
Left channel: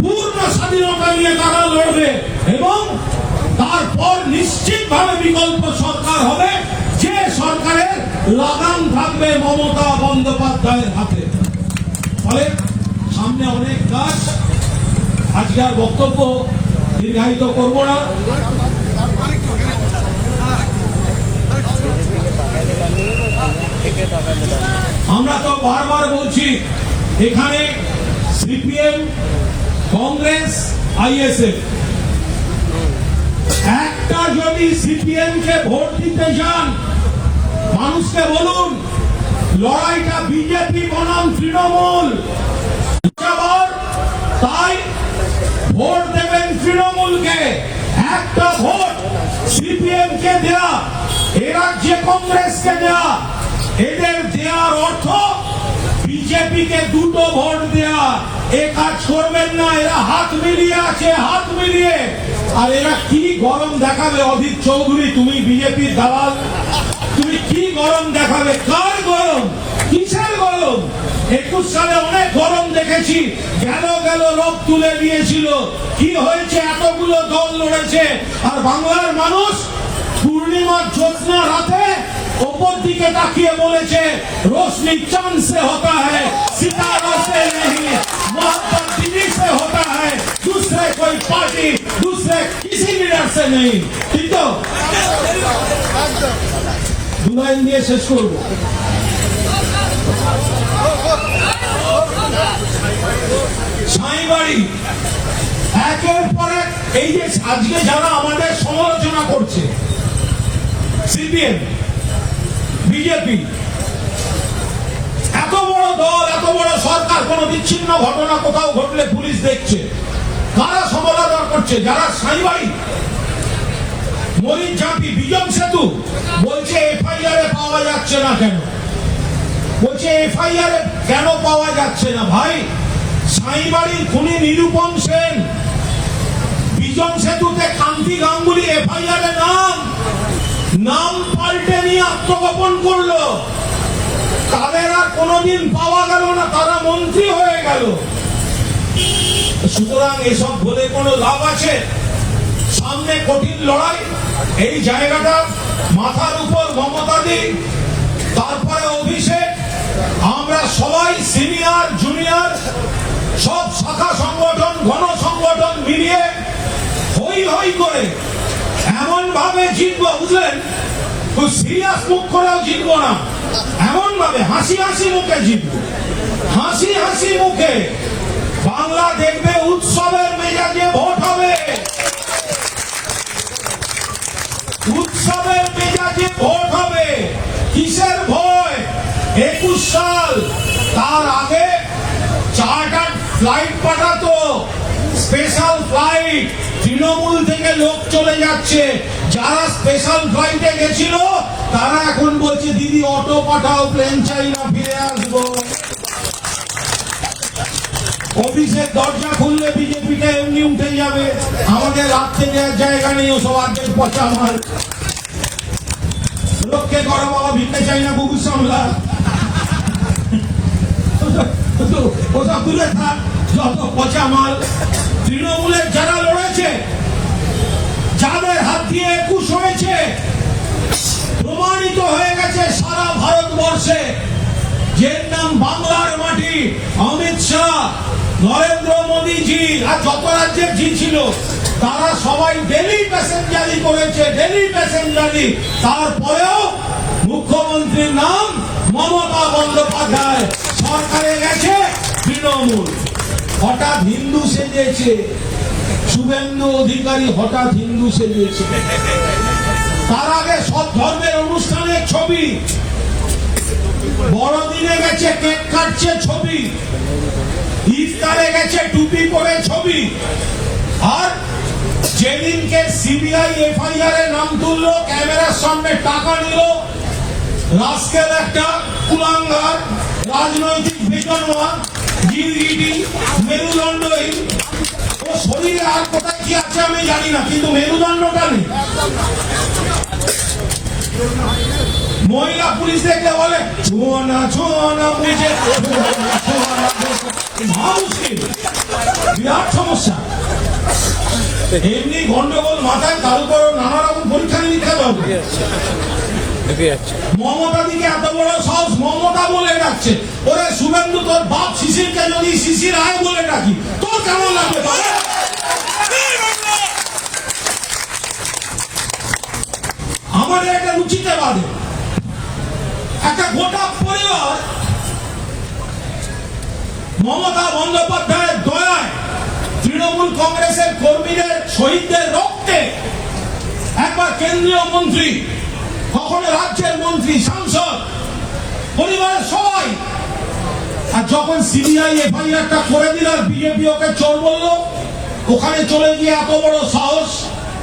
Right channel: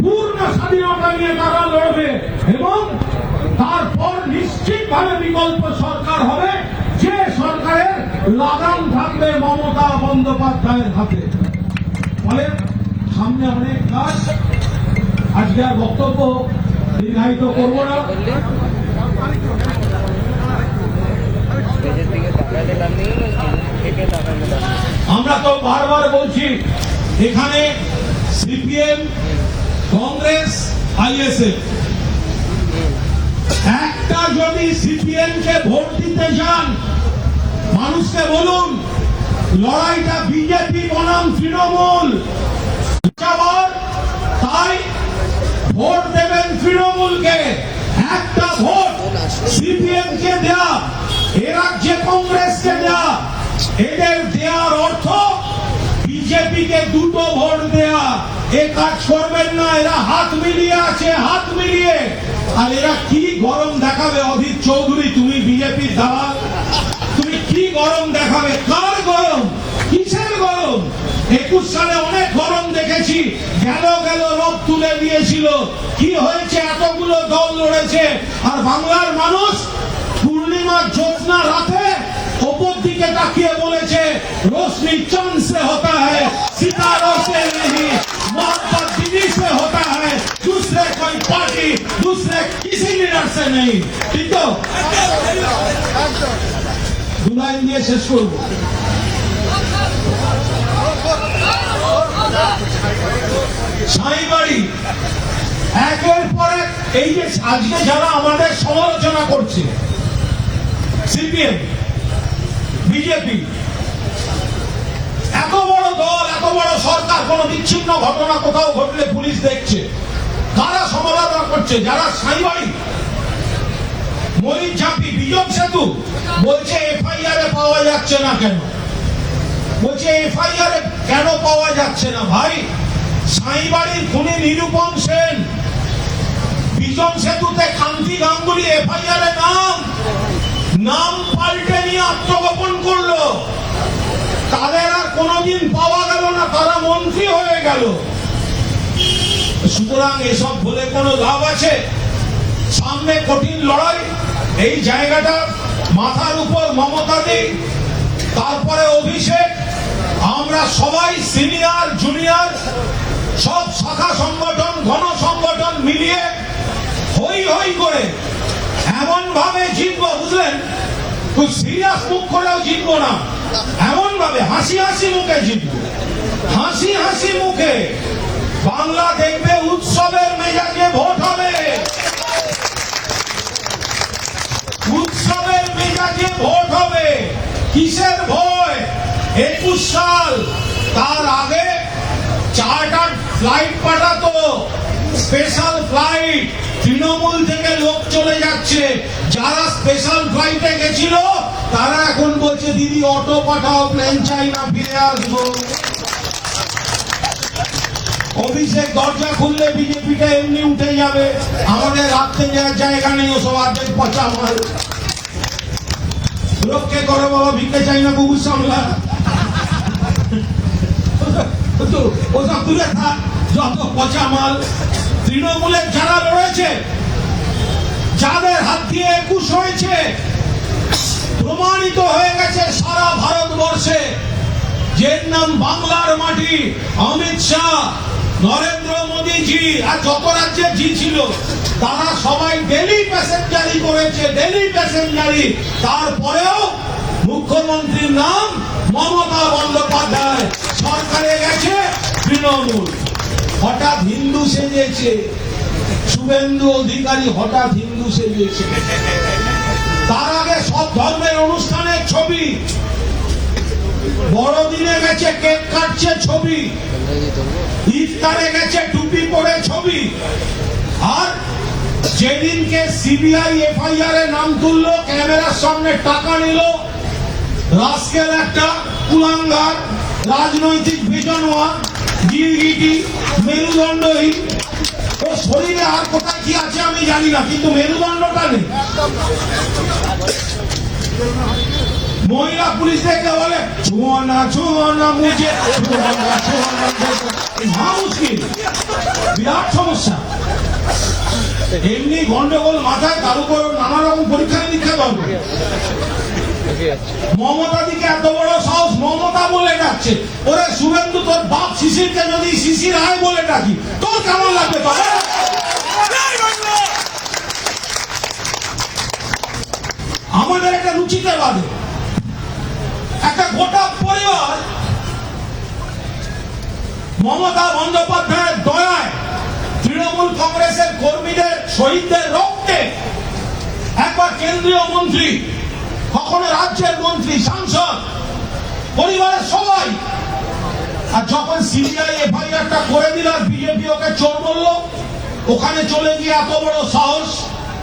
পূর্ণ স্বাধীনতা নিয়ে তারা লড়বে, এবং তারপর নিশ্চিতভাবে বিকল্প সরকার হবে, যে সরকারের লাগাম থাকবে মমতা বন্দ্যোপাধ্যায়ের হাতে। ফলে সামনে অনেক কাজ। আজকে আর বক্তব্য দীর্ঘায়িত করব না। আমরা তো বারবার বলছি এখানে সিপিএম, কংগ্রেস, আইএসএফ, একটা যদি সিপিএম কে ভোট দিতে চান মানুষকে বলুন লড়াইটা বিজেপি বনাম তৃণমূল, তাই ভোট দেবেন তৃণমূলকে। একটা ভোট সিপিএম কে দেয়া, এ রাজ্যে কংগ্রেসকে দেয়া, এদের দেওয়ার অর্থ বিজেপি কে দুটো ভোট দেয়া। এ কাজ করবেন না, এরা হাত মিলিয়ে আছে, হাত মিলিয়ে। আর এরা কি গরম দেখাবে? অধীর চৌধুরী, তুমি বিজেপির দালাল, তুমি কি গরম দেখাবে? কার গরম? কিসের গরম? 21 সালে অনেক গরম দেখেছি, গেল রোদ তুলে দিয়েছিল। কি হয়েছে? এতগুলো দল লড়েছে, আর বাংলার মানুষ পূর্ণিমার জ্যোৎস্না রাতে ওপর দিকে তাকিয়ে বলেছে रोशनी चांद से होता है, सितारों से नहीं, मोहब्बत दिल्ली से होता है, दूसरे कोई पार्टी, दूसरे किसी लीडर से नहीं। ठीक है, দুলাইন দিয়ে শেষ করবো। সাঁইবাড়ি একের পর এক, এই যে আজকে যারা আমাদের সমালোচনা করছে, সিপিএম, বিজেপি, এত বড় দল, এত বড় সরকার, কোন বিচ্ছিন্ন ঘটনা কোথাও ঘটলে পুলিশ দেখছে, কারা সমালোচনা করছে? যারা সাঁইবাড়ি, মরিচঝাঁপি, বিজন সেতু বলছে এফআইআর এ পাওয়া যাচ্ছে না কেন? বলছে এফআইআর কেন পাওয়া যাচ্ছে না? ভাই, সাঁইবাড়ির খুনি নিরূপম সেন, বিজন সেতুতে কান্তি গাঙ্গুলি এফআইআর এ নাম পাল্টে নিয়ে আত্মগোপন করলো, তাদের আর কোনদিন পাওয়া গেল না, তারা মন্ত্রী হয়ে গেল। সুতরাং এসব বলে কোনো লাভ আছে? সামনে কঠিন লড়াই, এই জায়গাটা মাথার উপর মমতা দি, তারপরে অভিষেক, আমরা সবাই সিনিয়র জুনিয়র সব শাখা সংগঠন, ঘন সংগঠন মিলিয়ে হই হই করে এমন ভাবে জিতবো, বুঝলেন? খুব সিরিয়াস মুখ করেও জিতবো না, এমন ভাবে হাসি হাসি মুখে জিতবো, হাসি হাসি মুখে। বাংলা দেখবে উৎসবের মেজাজে ভোট হবে, উৎসবের মেজাজে ভোট হবে। কিসের ভয়? 21 সাল, তার আগে চার্টার ফ্লাইট পাঠাতো, স্পেশাল ফ্লাইট, তৃণমূল থেকে লোক চলে যাচ্ছে। যারা স্পেশাল ফ্লাইটে গেছিল তারা এখন বলছে দিদি অটো পাঠাও, প্লেন চাই না, ফিরে আসবো। অফিসের দরজা খুললে বিজেপিটা এমনি উঠে যাবে, আমাদের রাখতে দেওয়ার জায়গা নেই, ওসব অর্ধেক পচা মাল। লোককে করো বাবা, ভিড়তে চাই না, কুকুর সামলা, ওসব দূরে থাক, যত পচা মাল। তৃণমূলের যারা লড়েছে, যাদের হাত দিয়ে 21 হয়েছে, প্রমাণিত হয়ে গেছে সারা ভারতবর্ষে, যে নাম বাংলার মাটি, অমিত শাহ, নরেন্দ্র মোদীজি, আর যত রাজ্যের জি ছিল, তারা সবাই ডেলি প্যাসেঞ্জারি করেছে, ডেলি প্যাসেঞ্জারি। তারপরেও মুখ্যমন্ত্রীর নাম মমতা বন্দ্যোপাধ্যায়, সরকারে গেছে তৃণমূল। হঠাৎ হিন্দু সেজেছে, শুভেন্দু অধিকারী হঠাৎ হিন্দু সেজেছে। তার আগে সব ধর্মের অনুষ্ঠানের ছবি, বড়দিনে গেছে কেক কাটছে ছবি, ইফতারে গেছে টুপি পরে ছবি। আর যেদিনকে সিবিআই এফআইআর এ নাম তুললো, ক্যামেরার সামনে টাকা নিল, রাস্কেল একটা কুলাঙ্গার, রাজনৈতিক বিজনওয়ান, গিরগিটি, মেরুদণ্ডহীন, ও শরীরে আর কোথায় কি আছে আমি জানি না, কিন্তু মেরুদণ্ডটা নেই। মহিলা পুলিশ দেখলে বলে ছোঁয়ানা ছোঁয়ানা মুঝে, মুশকিল, বিরাট সমস্যা। এমনি গন্ডগোল মাথায়, তার উপর নানা রকম পরীক্ষা নিরীক্ষা পাবে। মমতা দিকে এত বড় সাহস, মমতা বলে ডাকছে। ওরে শুভেন্দু, তোর বাপ শিশিরকে যদি শিশির আয় বলে ডাকি, তোর কেমন লাগবে? আমাদের একটা রুচিতে বাদে, একটা গোটা পরিবার মমতা বন্দ্যোপাধ্যায়ের দয়ায় তৃণমূল কংগ্রেসের কর্মীদের শহীদদের রক্তে একবার কেন্দ্রীয় মন্ত্রী, কখনো রাজ্যের মন্ত্রী, সাংসদ, পরিবারের সবাই। আর যখন সিবিআই এফআইআরটা করে দিল আর বিজেপি ওকে চোর বলল, ওখানে চলে গিয়ে এত বড় সাহস,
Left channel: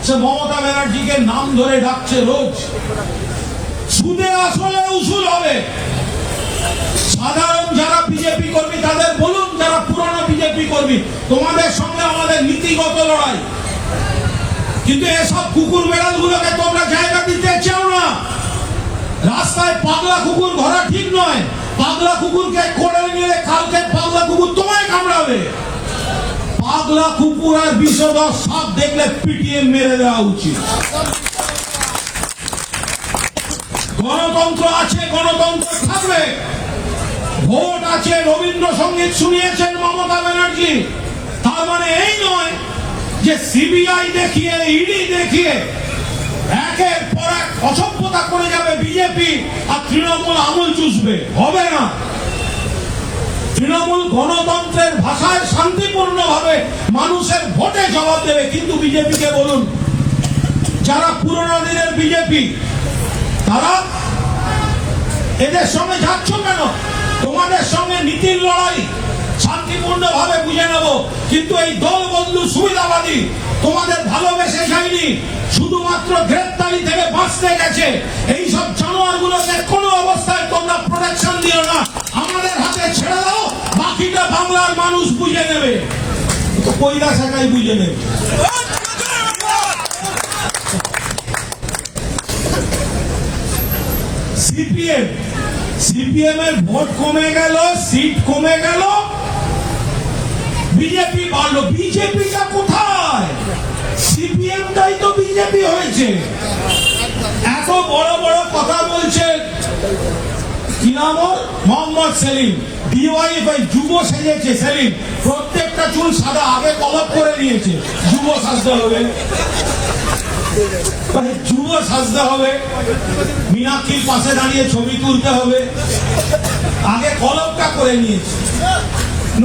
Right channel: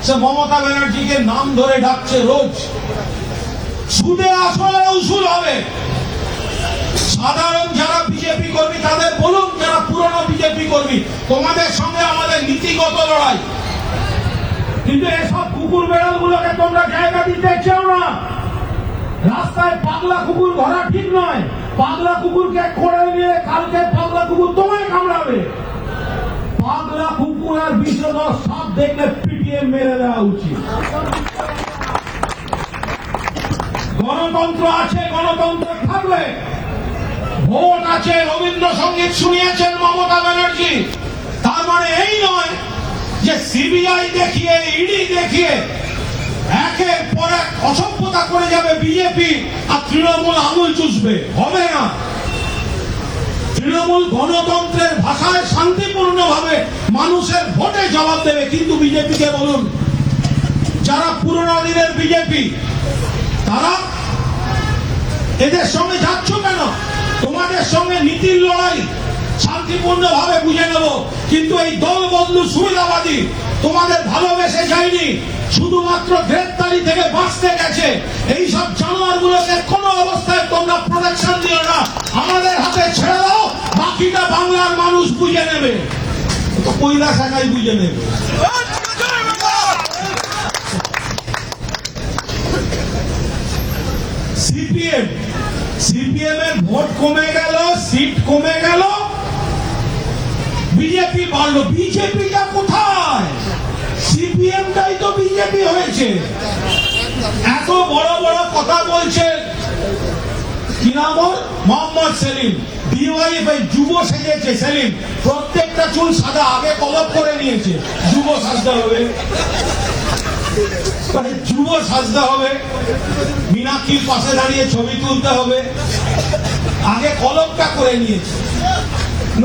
সে মমতা ব্যানার্জিকে নাম ধরে ডাকছে রোজ। সুদে আসলে উসুল হবে। সাধারণ যারা বিজেপি কর্মী তাদের বলুন, যারা পুরনো বিজেপি কর্মী, তোমাদের সঙ্গে আমাদের নীতিগত লড়াই, কিন্তু এসব কুকুর বেড়াল গুলোকে তোমরা জায়গা দিতে চাও না। রাস্তায় পাগলা কুকুর ধরা ঠিক নয়। পাগলা কুকুরকে করে নিয়ে কালকে পাগলা কুকুর তোমায় কামড়াবে। পাগলা কুকুর আর বিষধর সাপ দেখলে পিটিয়ে মেরে দেওয়া উচিত। গণতন্ত্র আছে, গণতন্ত্র থাকবে। ভোট আছে, রবীন্দ্রসঙ্গীত শুনিয়েছেন মমতা ব্যানার্জি। তার মানে এই নয় যে সিবিআই দেখিয়ে, ইডি দেখিয়ে একের পর এক অসভ্যতা করে যাবে বিজেপি আর তৃণমূল আঙুল চুষবে। হবে না। তৃণমূল গণতন্ত্রের ভাষায় শান্তিপূর্ণভাবে মানুষের ভোটে জবাব দেবে। কিন্তু বিজেপিকে বলুন, যারা পুরনো দিনের বিজেপি, তারা এদের সঙ্গে যাচ্ছ কেন? তোমাদের সঙ্গে নীতির লড়াই শান্তিপূর্ণভাবে বুঝে নেব, কিন্তু এই দল বন্ধু সুবিধাবাদী তোমাদের ভালোবেসে যায়নি, শুধুমাত্র গ্রেপ্তারি থেকে বাঁচতে গেছে। এইসব জানোয়ারগুলোকে কোনো অবস্থায় তোমরা প্রোটেকশন দিও না, আমাদের হাতে ছেড়ে দাও। বাকিটা বাংলার মানুষ বুঝে নেবে, কৈলাস একাই বুঝে নেবে। সিপিএম এর ভোট কমে গেল, সিট কমে গেল, বিজেপি বাড়লো। বিজেপিটা কোথায়? সিপিএমটাই তো বিজেপি হয়েছে। এত বড় বড় কথা বলছে কি নাম ওর? মোহাম্মদ সেলিম। ডিওয়াইএফআই যুব সেজেছে সেলিম, প্রত্যেকটা চুল সাদা, আগে কলপ করে নিয়েছে। যুব সাজতে হবে, যুব সাজতে হবে, মীনাক্ষীর পাশে দাঁড়িয়ে ছবি তুলতে হবে, আগে কলমটা করে নিয়েছে।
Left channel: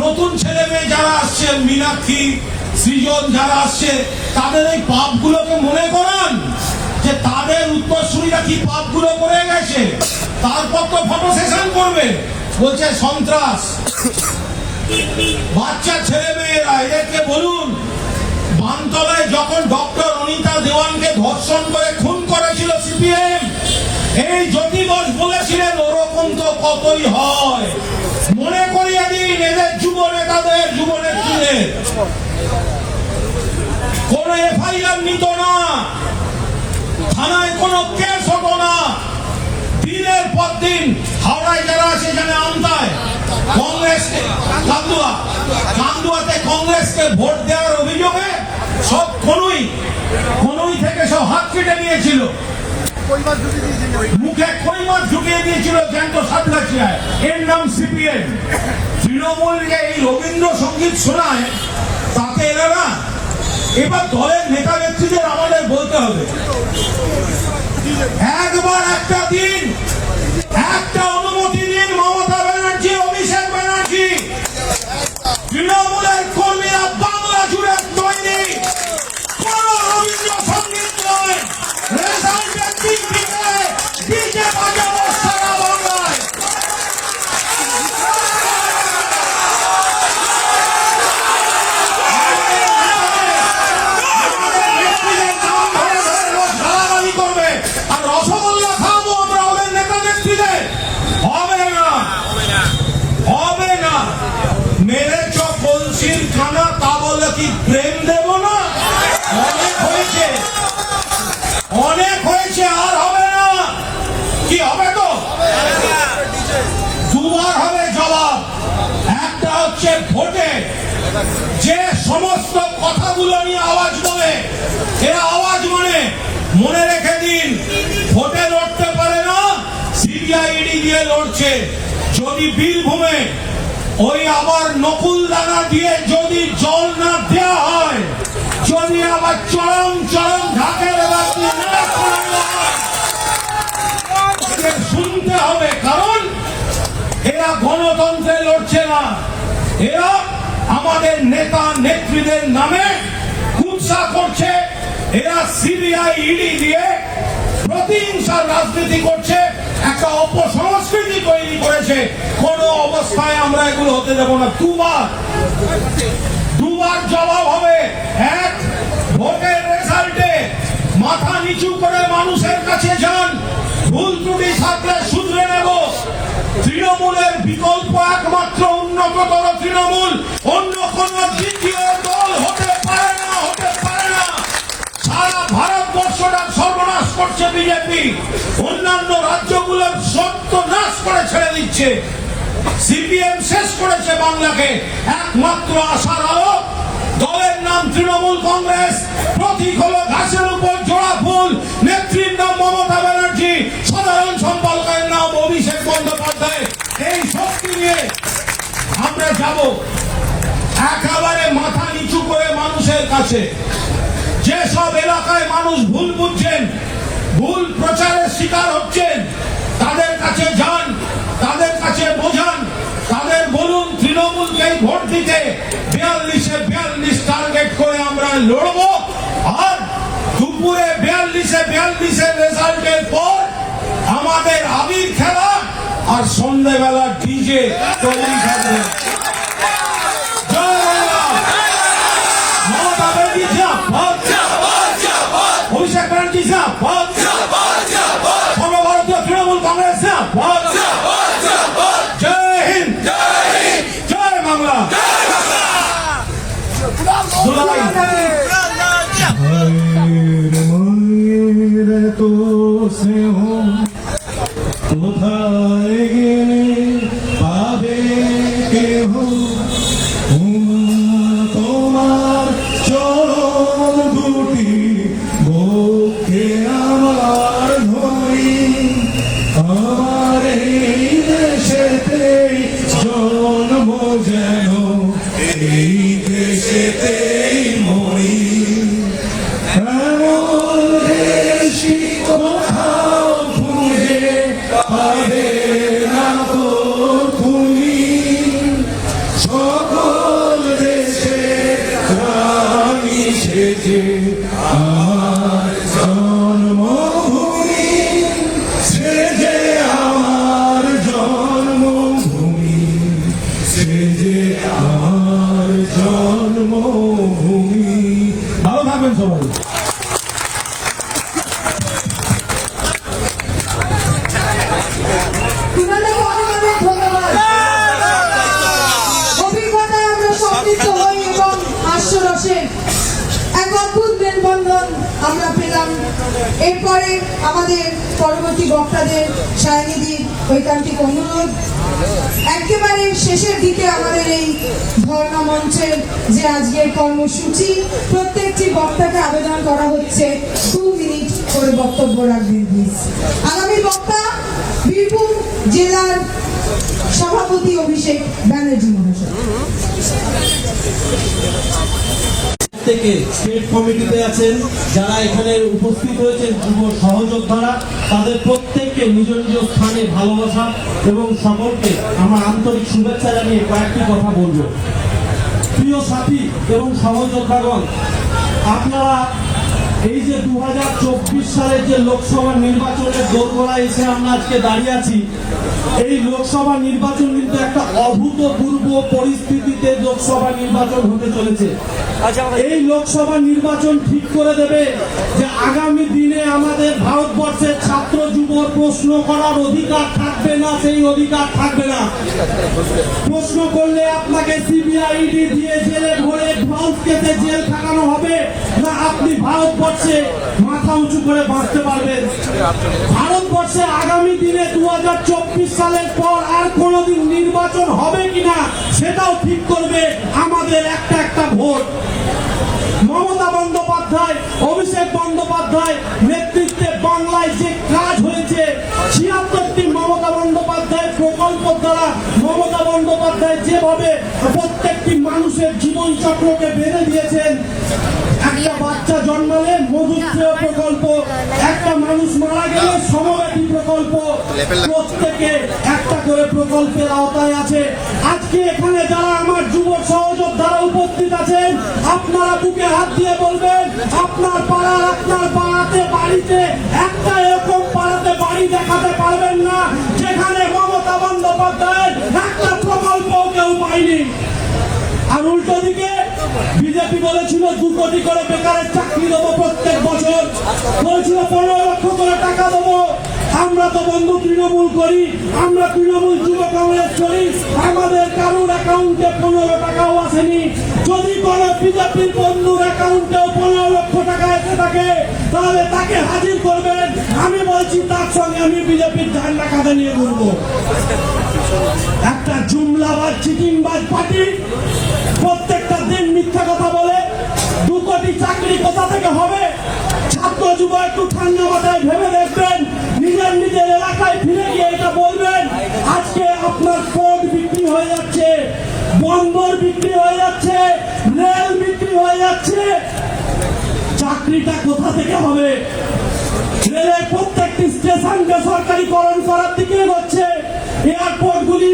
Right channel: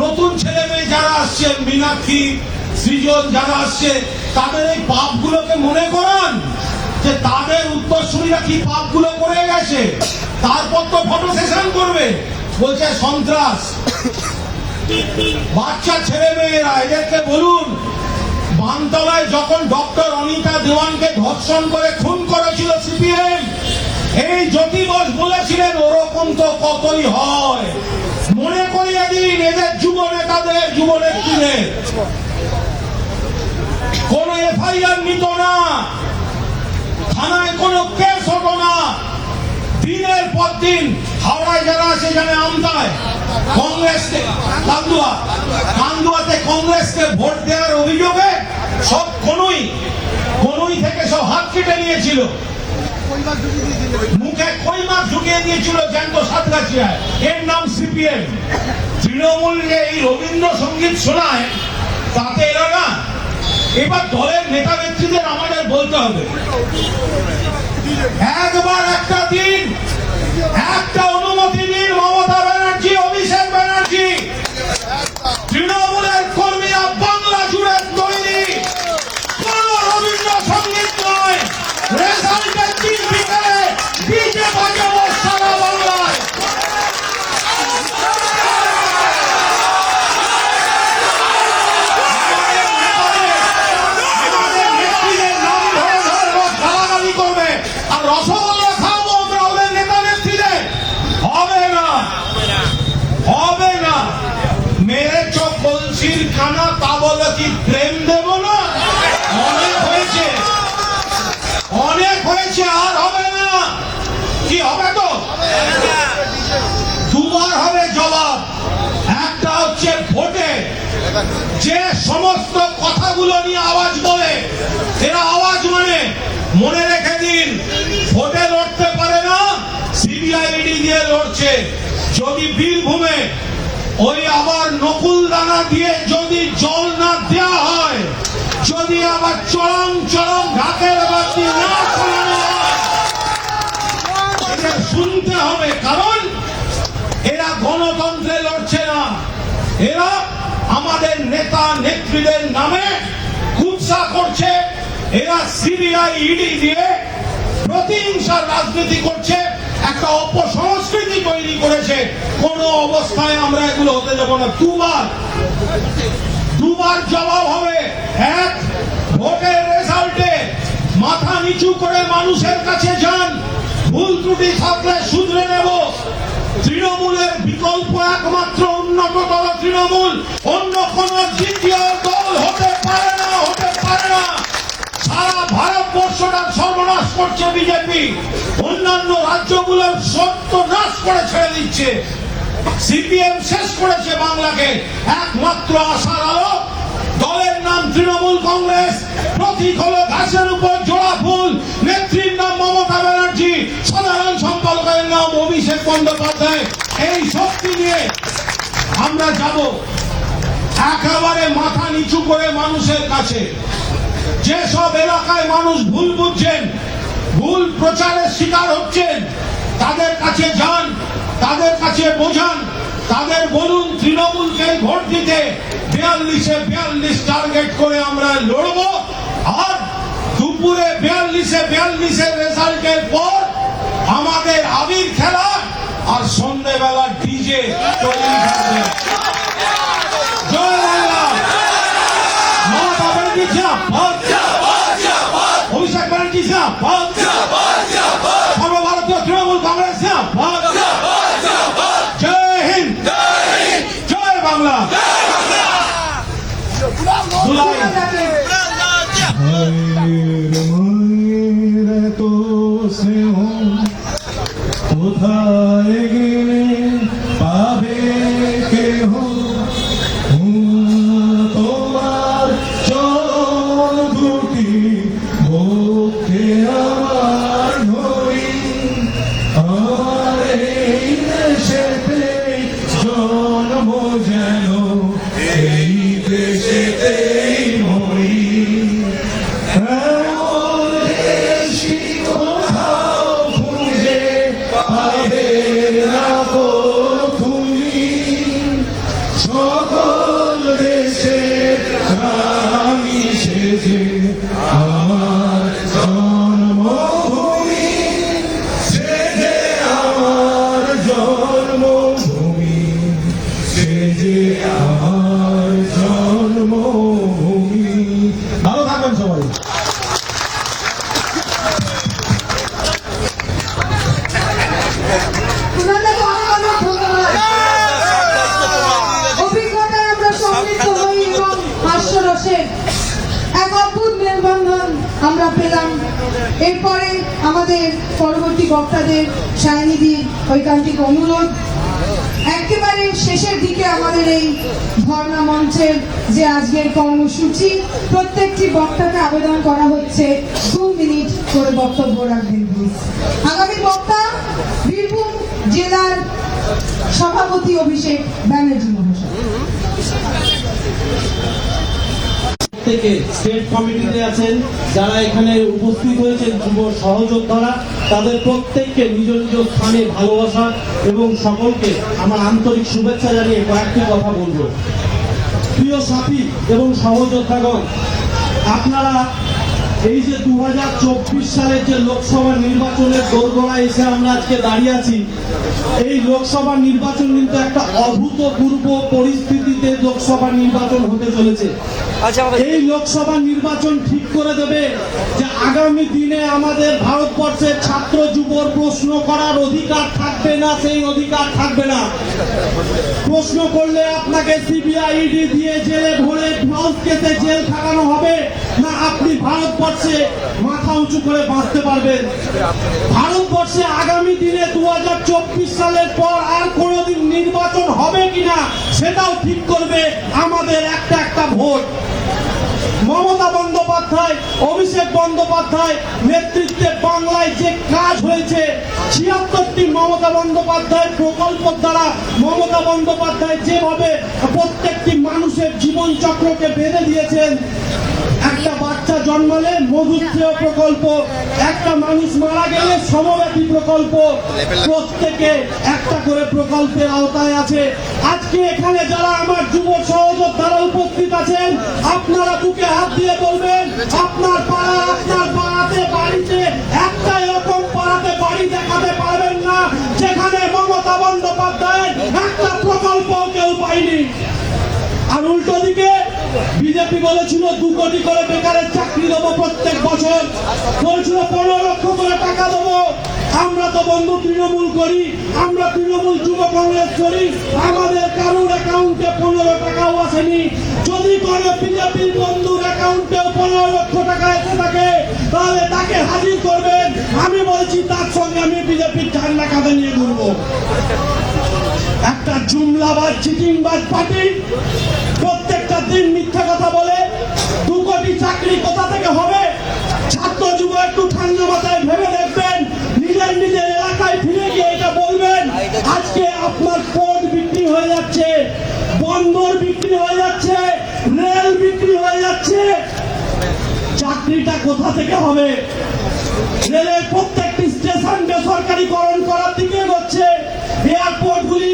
নতুন ছেলে মেয়ে যারা আসছে, মীনাক্ষী, সৃজন যারা আসছে, তাদের এই পাপগুলোকে মনে করান যে তাদের উত্তরসূরিরা কি পাপগুলো করে গেছে। তারপর তো ফটো সেশন করবে, বলছে সন্ত্রাস। বাচ্চা ছেলে মেয়েরা, এদেরকে বলুন, বানতলায় যখন ডক্টর অনিতা দেওয়ানকে ধর্ষণ করে খুন করেছিল সিপিএম, এই জ্যোতি বস বলেছিলেন ওরকম তো কতই হয়। মনে করিয়ে দিন এদের যুব নেতাদের, যুব নেত্রীদের। কোন এফআইআর নিত না, থানায় কোনো কেস হতো না। দিনের পর দিন হাওড়ায় যারা আছে জানে, আমদায় কংগ্রেস, কান্দুয়াতে কংগ্রেসকে ভোট দেওয়ার অভিযোগে সব কোনই থেকে সব হাত কেটে নিয়েছিল, মুখে কই মাছ ঢুকিয়ে দিয়েছিল জ্যান্ত সাতগাছিয়ায়। এর নাম সিপিএম। তৃণমূল যে এই রবীন্দ্রসঙ্গীত শোনায়, তাতে এরা না। এবার দলের নেতা নেত্রীদের আমাদের বলতে হবে, একবার একটা দিন, একটা অনুমতি দিন মমতা ব্যানার্জি, অভিষেক ব্যানার্জি। তৃণমূলের কর্মীরা বাংলা জুড়ে তৈরি, কোন রবীন্দ্রসঙ্গীত নয়। রেজাল্টের দিন বিকেলে বিজে বাজাবো সারা বাংলায়। করবে আর রসগোল্লা খাবো আমরা ওদের নেতা নেত্রীদের। হবে না, হবে না। মেরে চোখ বলছির খানা, তা বলে কি প্রেম দেব না? অনেক হয়েছে, অনেক হয়েছে, আর হবে না। কি হবে? তো দুবার হবে জবাব। একটা হচ্ছে ভোটে যে সমস্ত কথাগুলো নিয়ে আওয়াজ বলে, এরা আওয়াজ মানে মনে রেখে দিন, ভোটে লড়তে পারে না, সিবিআইডি দিয়ে লড়ছে। যদি বীরভূমে ওই আবার নকুল দানা দিয়ে যদি জল না দেওয়া হয়, যদি আবার চরম চরম ঢাকের বাতি না শুনতে হবে। নেত্রীদের নামে কুৎসা করছে, এরা সিবিআই ইডি দিয়ে প্রতিহিংসার রাজনীতি করছে, একটা অপসংস্কৃতি তৈরি করেছে। কোন অবস্থায় আমরা এগুলো হতে দেব না। দুবার জবাব হবে। এক, ভোটের রেজাল্টে মাথা নিচু করে মানুষের কাছে যান, ভুল ত্রুটি থাকলে শুধরে নেব। তৃণমূলের বিকল্প একমাত্র উন্নততর তৃণমূল, অন্য কোন দ্বিতীয় দল হতে পারে না, হতে পারে না। সারা ভারতবর্ষটা সর্বনাশ করছে বিজেপি, অন্যান্য রাজ্যগুলোর সর্বনাশ করে ছেড়ে দিচ্ছে। সিপিএম শেষ করেছে বাংলাকে। একমাত্র আশার আলো, দলের নাম তৃণমূল কংগ্রেস, প্রতীক হলো ঘাসের উপর জোড়া ফুল, নেত্রীর নাম মমতা ব্যানার্জি, সাধারণ সম্পাদকের নাম অভিষেক বন্দ্যোপাধ্যায়। এই শক্তি নিয়ে আমরা যাব একেবারে মাথা নিচু করে মানুষের কাছে। যেসব এলাকায় মানুষ ভুল বুঝছেন, ভুল প্রচারের শিকার হচ্ছেন, তাদের কাছে যান, তাদের কাছে বোঝান, তাদের বলুন তৃণমূলকে ভোট দিতে। 42-এ 42 টার্গেট করে আমরা লড়ব। আর দুপুরে 42-এ 42-এর রেজাল্টের পর আমাদের আবির খেলা আর সন্ধ্যেবেলা ডিজে তৈরি থাকবে। জয় বাংলা। মমতা ব্যানার্জি জিন্দাবাদ, অভিষেক ব্যানার্জি জিন্দাবাদ, সর্বভারতীয় তৃণমূল কংগ্রেস জিন্দাবাদ। জয় হিন্দ, জয় বাংলা। তো স্নেহ কোথায় গেলে পাবে কেহ, তোমার চরণ দুটি বুকে আমার ধরি, আমার এই দেশেতে জন্ম যেন এই দেশেতেই মরি। সকল দেশে আমি সেজে আমার জন্মভূমি, সেজে আমার জন্মভূমি, সেজে আমার জন্মভূমি। ভালো থাকবেন সবাই। অভিজ্ঞতায় আমরা সমৃদ্ধ হই এবং হাস্যরসে এক অদ্ভুত মেলবন্ধন আমরা পেলাম। এরপরে আমাদের পরবর্তী বক্তাদের সায়নিধির ঐকান্তিক অনুরোধ। একেবারে শেষের দিকে আমাদের এই ধর্ণা মঞ্চের যে আজকের কর্মসূচি, প্রত্যেকটি বক্তাকে আবেদন করা হচ্ছে 2 মিনিট করে বক্তব্য রাখবেন প্লিজ। আগামী বক্তা বীরভূম জেলার সভাপতি অভিষেক ব্যানার্জি মহাশয়। থেকে স্টেট কমিটিতে আছেন, যারা এখানে উপস্থিত হয়েছেন যুব সহযোদ্ধারা, তাদের প্রত্যেককে নিজ নিজ স্থানে ভালোবাসা এবং সকলকে আমার আন্তরিক শুভেচ্ছা জানিয়ে কয়েকটি কথা বলবো। প্রিয় সাথী এবং সহযোদ্ধাগণ, আপনারা এই যে 2024 সালের যে লোকসভা নির্বাচনের দোরগোড়ায় এসে আমরা আজকে দাঁড়িয়ে আছি, এই লোকসভা নির্বাচন কিন্তু একটা অভূতপূর্ব পরিস্থিতিতে লোকসভা নির্বাচন হতে চলেছে। এই লোকসভা নির্বাচন ঠিক করে দেবে যে আগামী দিনে আমাদের ভারতবর্ষের ছাত্র যুবর প্রশ্ন করার অধিকার থাকবে না, সেই অধিকার থাকবে না। প্রশ্ন করলে আপনাকে সিবিআই ইডি দিয়ে জেলে ভরে ফাউস কেসে জেল খাটানো হবে, না আপনি ভারতবর্ষে মাথা উঁচু করে বাঁচতে পারবেন। ভারতবর্ষে আগামী দিনে 2024 সালের পর আর কোনোদিন নির্বাচন হবে কিনা সেটাও ঠিক করবে আমাদের একটা একটা ভোট। মমতা বন্দ্যোপাধ্যায়, অভিষেক বন্দ্যোপাধ্যায় নেতৃত্বে বাংলায় যে কাজ হয়েছে, 76টি মমতা বন্দ্যোপাধ্যায় প্রকল্প দ্বারা মমতা বন্দ্যোপাধ্যায় যেভাবে প্রত্যেকটি মানুষের জীবন চক্রকে বেঁধে দিয়েছেন। একটা বাচ্চা জন্মালে মধুশ্রেয় প্রকল্প, একটা মানুষ মারা গেলে সমব্যাপী প্রকল্প, প্রকল্প, প্রত্যেকে একটা করে প্রকল্পের আওতায় আছে। আজকে এখানে যারা আমার যুব সহযোদ্ধারা উপস্থিত আছেন, আপনারা বুকে হাত দিয়ে বলবেন, আপনার পাড়া, আপনার পাড়াতে, বাড়িতে একটা এরকম পাড়াতে বাড়ি দেখাতে পারবেন না যেখানে মমতা বন্দ্যোপাধ্যায়ের একটা প্রকল্প কেউ পায়নি। আর উল্টো দিকে বিজেপি বলেছিল 2 কোটি করে বেকারের চাকরি দেবো প্রত্যেক বছর, বলেছিল 15 লক্ষ করে টাকা দেবো। আমরা তো বন্ধু তৃণমূল করি, আমরা তৃণমূল যুব কংগ্রেস করি, আমাদের কারুর অ্যাকাউন্টে 15 টাকাও আসেনি। যদি কোনো বিজেপি বন্ধুর অ্যাকাউন্টেও 15 লক্ষ টাকা এসে থাকে তাহলে তাকে হাজির করবেন। আমি বলছি তার সঙ্গে আমি বিজেপির ঝান্ডা কাঁধে নিয়ে ঘুরবো। একটা জুমলাবাজ চিটিংবাজ পার্টি প্রত্যেকটা দিন মিথ্যা কথা বলে। 2 কোটি চাকরি কোথা থেকে হবে? ছাত্র যুব একটু ঠান্ডা মাথায় ভেবে দেখবেন, নিজের নিজের এলাকায় ফিরে গিয়ে এটা বলবেন। আজকে আপনার পোর্ট বিক্রি হয়ে যাচ্ছে, বন্দর বিক্রি হয়ে যাচ্ছে, রেল বিক্রি হয়ে যাচ্ছে, চাকরিটা কোথা থেকে হবে? রেলের প্রত্যেকটি স্টেশন বেসরকারীকরণ করার দিকে হচ্ছে, এয়ারপোর্টগুলি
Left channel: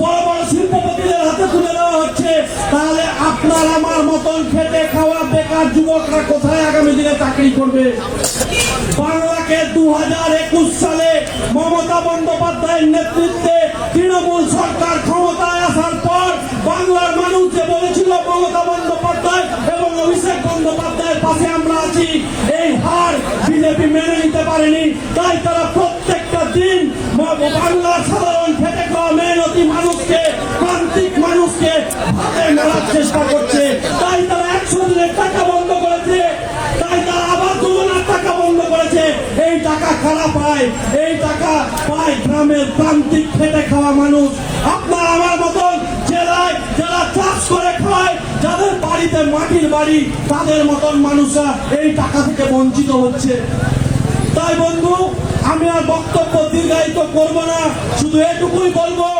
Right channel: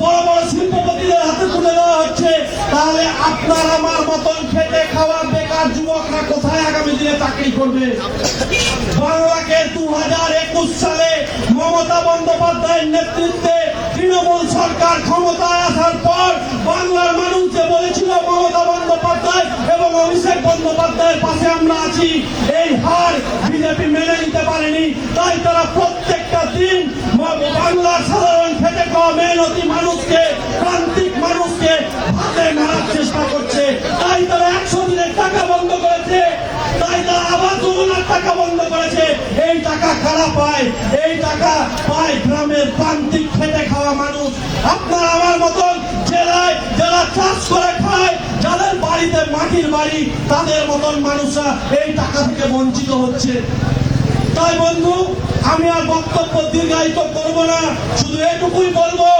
বড় বড় শিল্পপতিদের হাতে তুলে দেওয়া হচ্ছে। তাহলে আপনার আমার মতন খেটে খাওয়া বেকার যুবকরা কোথায় আগামী দিনে চাকরি করবে? বাংলাকে 2021 সালে মমতা বন্দ্যোপাধ্যায়ের নেতৃত্বে তৃণমূল সরকার ক্ষমতায় আসার পর বাংলার মানুষ যে বলেছিল মমতা বন্দ্যোপাধ্যায় এবং অভিষেক বন্দ্যোপাধ্যায়ের পাশে আমরা আছি, এই হার বিজেপি মেনে নিতে পারেনি। তাই তারা প্রত্যেকটা দিন বাংলার সাধারণ খেটে খাওয়া মেহনতি মানুষকে, প্রান্তিক মানুষকে হাতে মারার চেষ্টা করছে। তাই তারা 100 দিনের টাকা বন্ধ করেছে, তাই তারা আবার যোজনার টাকা বন্ধ করেছে। এই টাকা কারা পায়? এই টাকা পায় গ্রামের প্রান্তিক খেটে খাওয়া মানুষ। আপনার আমার মতন জেলায় যারা চাষ করে খায়, যাদের বাড়িতে মাটির বাড়ি, তাদের মতন মানুষরা এই টাকা থেকে বঞ্চিত হচ্ছে। তাই বন্ধু, আমি আর বক্তব্য দীর্ঘায়িত করবো না, শুধু এটুকুই বলবো,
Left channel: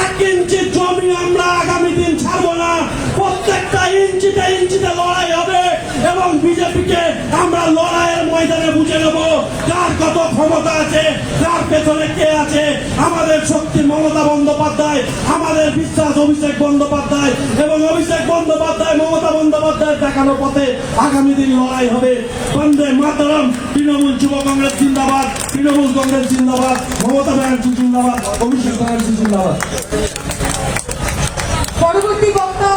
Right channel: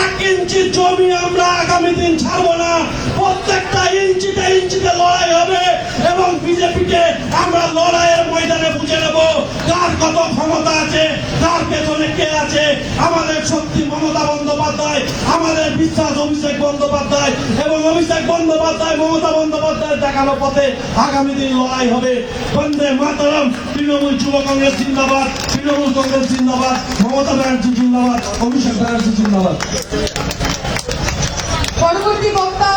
1 ইঞ্চি জমি আমরা আগামী দিন ছাড়বো না। প্রত্যেকটা ইঞ্চিতে ইঞ্চিতে লড়াই হবে এবং বিজেপিকে আমরা লড়াইয়ের ময়দানে বুঝে নেবো কার কত ক্ষমতা আছে, কার পেছনে কে আছে। আমাদের শক্তি মমতা বন্দ্যোপাধ্যায়, আমাদের বিশ্বাস অভিষেক বন্দ্যোপাধ্যায়, এবং অভিষেক বন্দ্যোপাধ্যায় মমতা বন্দ্যোপাধ্যায়ের দেখানো পথে আগামী দিন লড়াই হবে। বন্দে মাতরম। তৃণমূল যুব কংগ্রেস জিন্দাবাদ, তৃণমূল কংগ্রেস জিন্দাবাদ, মমতা ব্যানার্জি জিন্দাবাদ, অভিষেক ব্যানার্জি জিন্দাবাদ। পরবর্তী বক্তা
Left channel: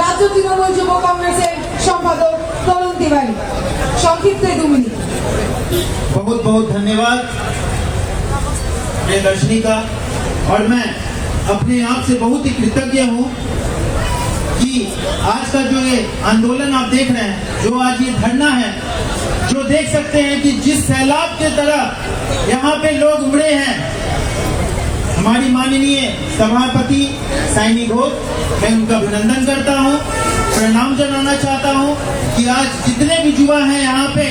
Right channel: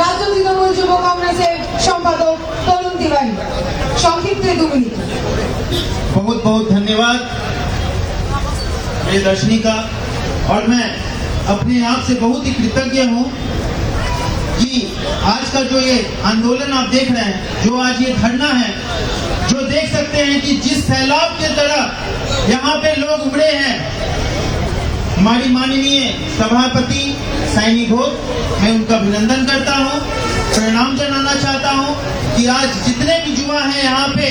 রাজ্য তৃণমূল যুব কংগ্রেসের সম্পাদক তরুণ তিওয়ারি, সংক্ষিপ্ত 2 মিনিট। बहुत बहुत धन्यवाद प्रियदर्शनी का। और मैं अपने आप से बहुत ही कृतज्ञ हूँ कि आज का जो ये आंदोलन आप देख रहे हैं, जो आज ये धरना है, जो देख सकते हैं कि जिस सैलाब की तरह यहाँ पे लोग उमड़े हैं। हमारी माननीय सभापति साइनी घोष, मैं उनका अभिनंदन करता हूँ, प्रणाम जनाना चाहता हूँ कि आज जितने भी युवा हैं यहाँ पे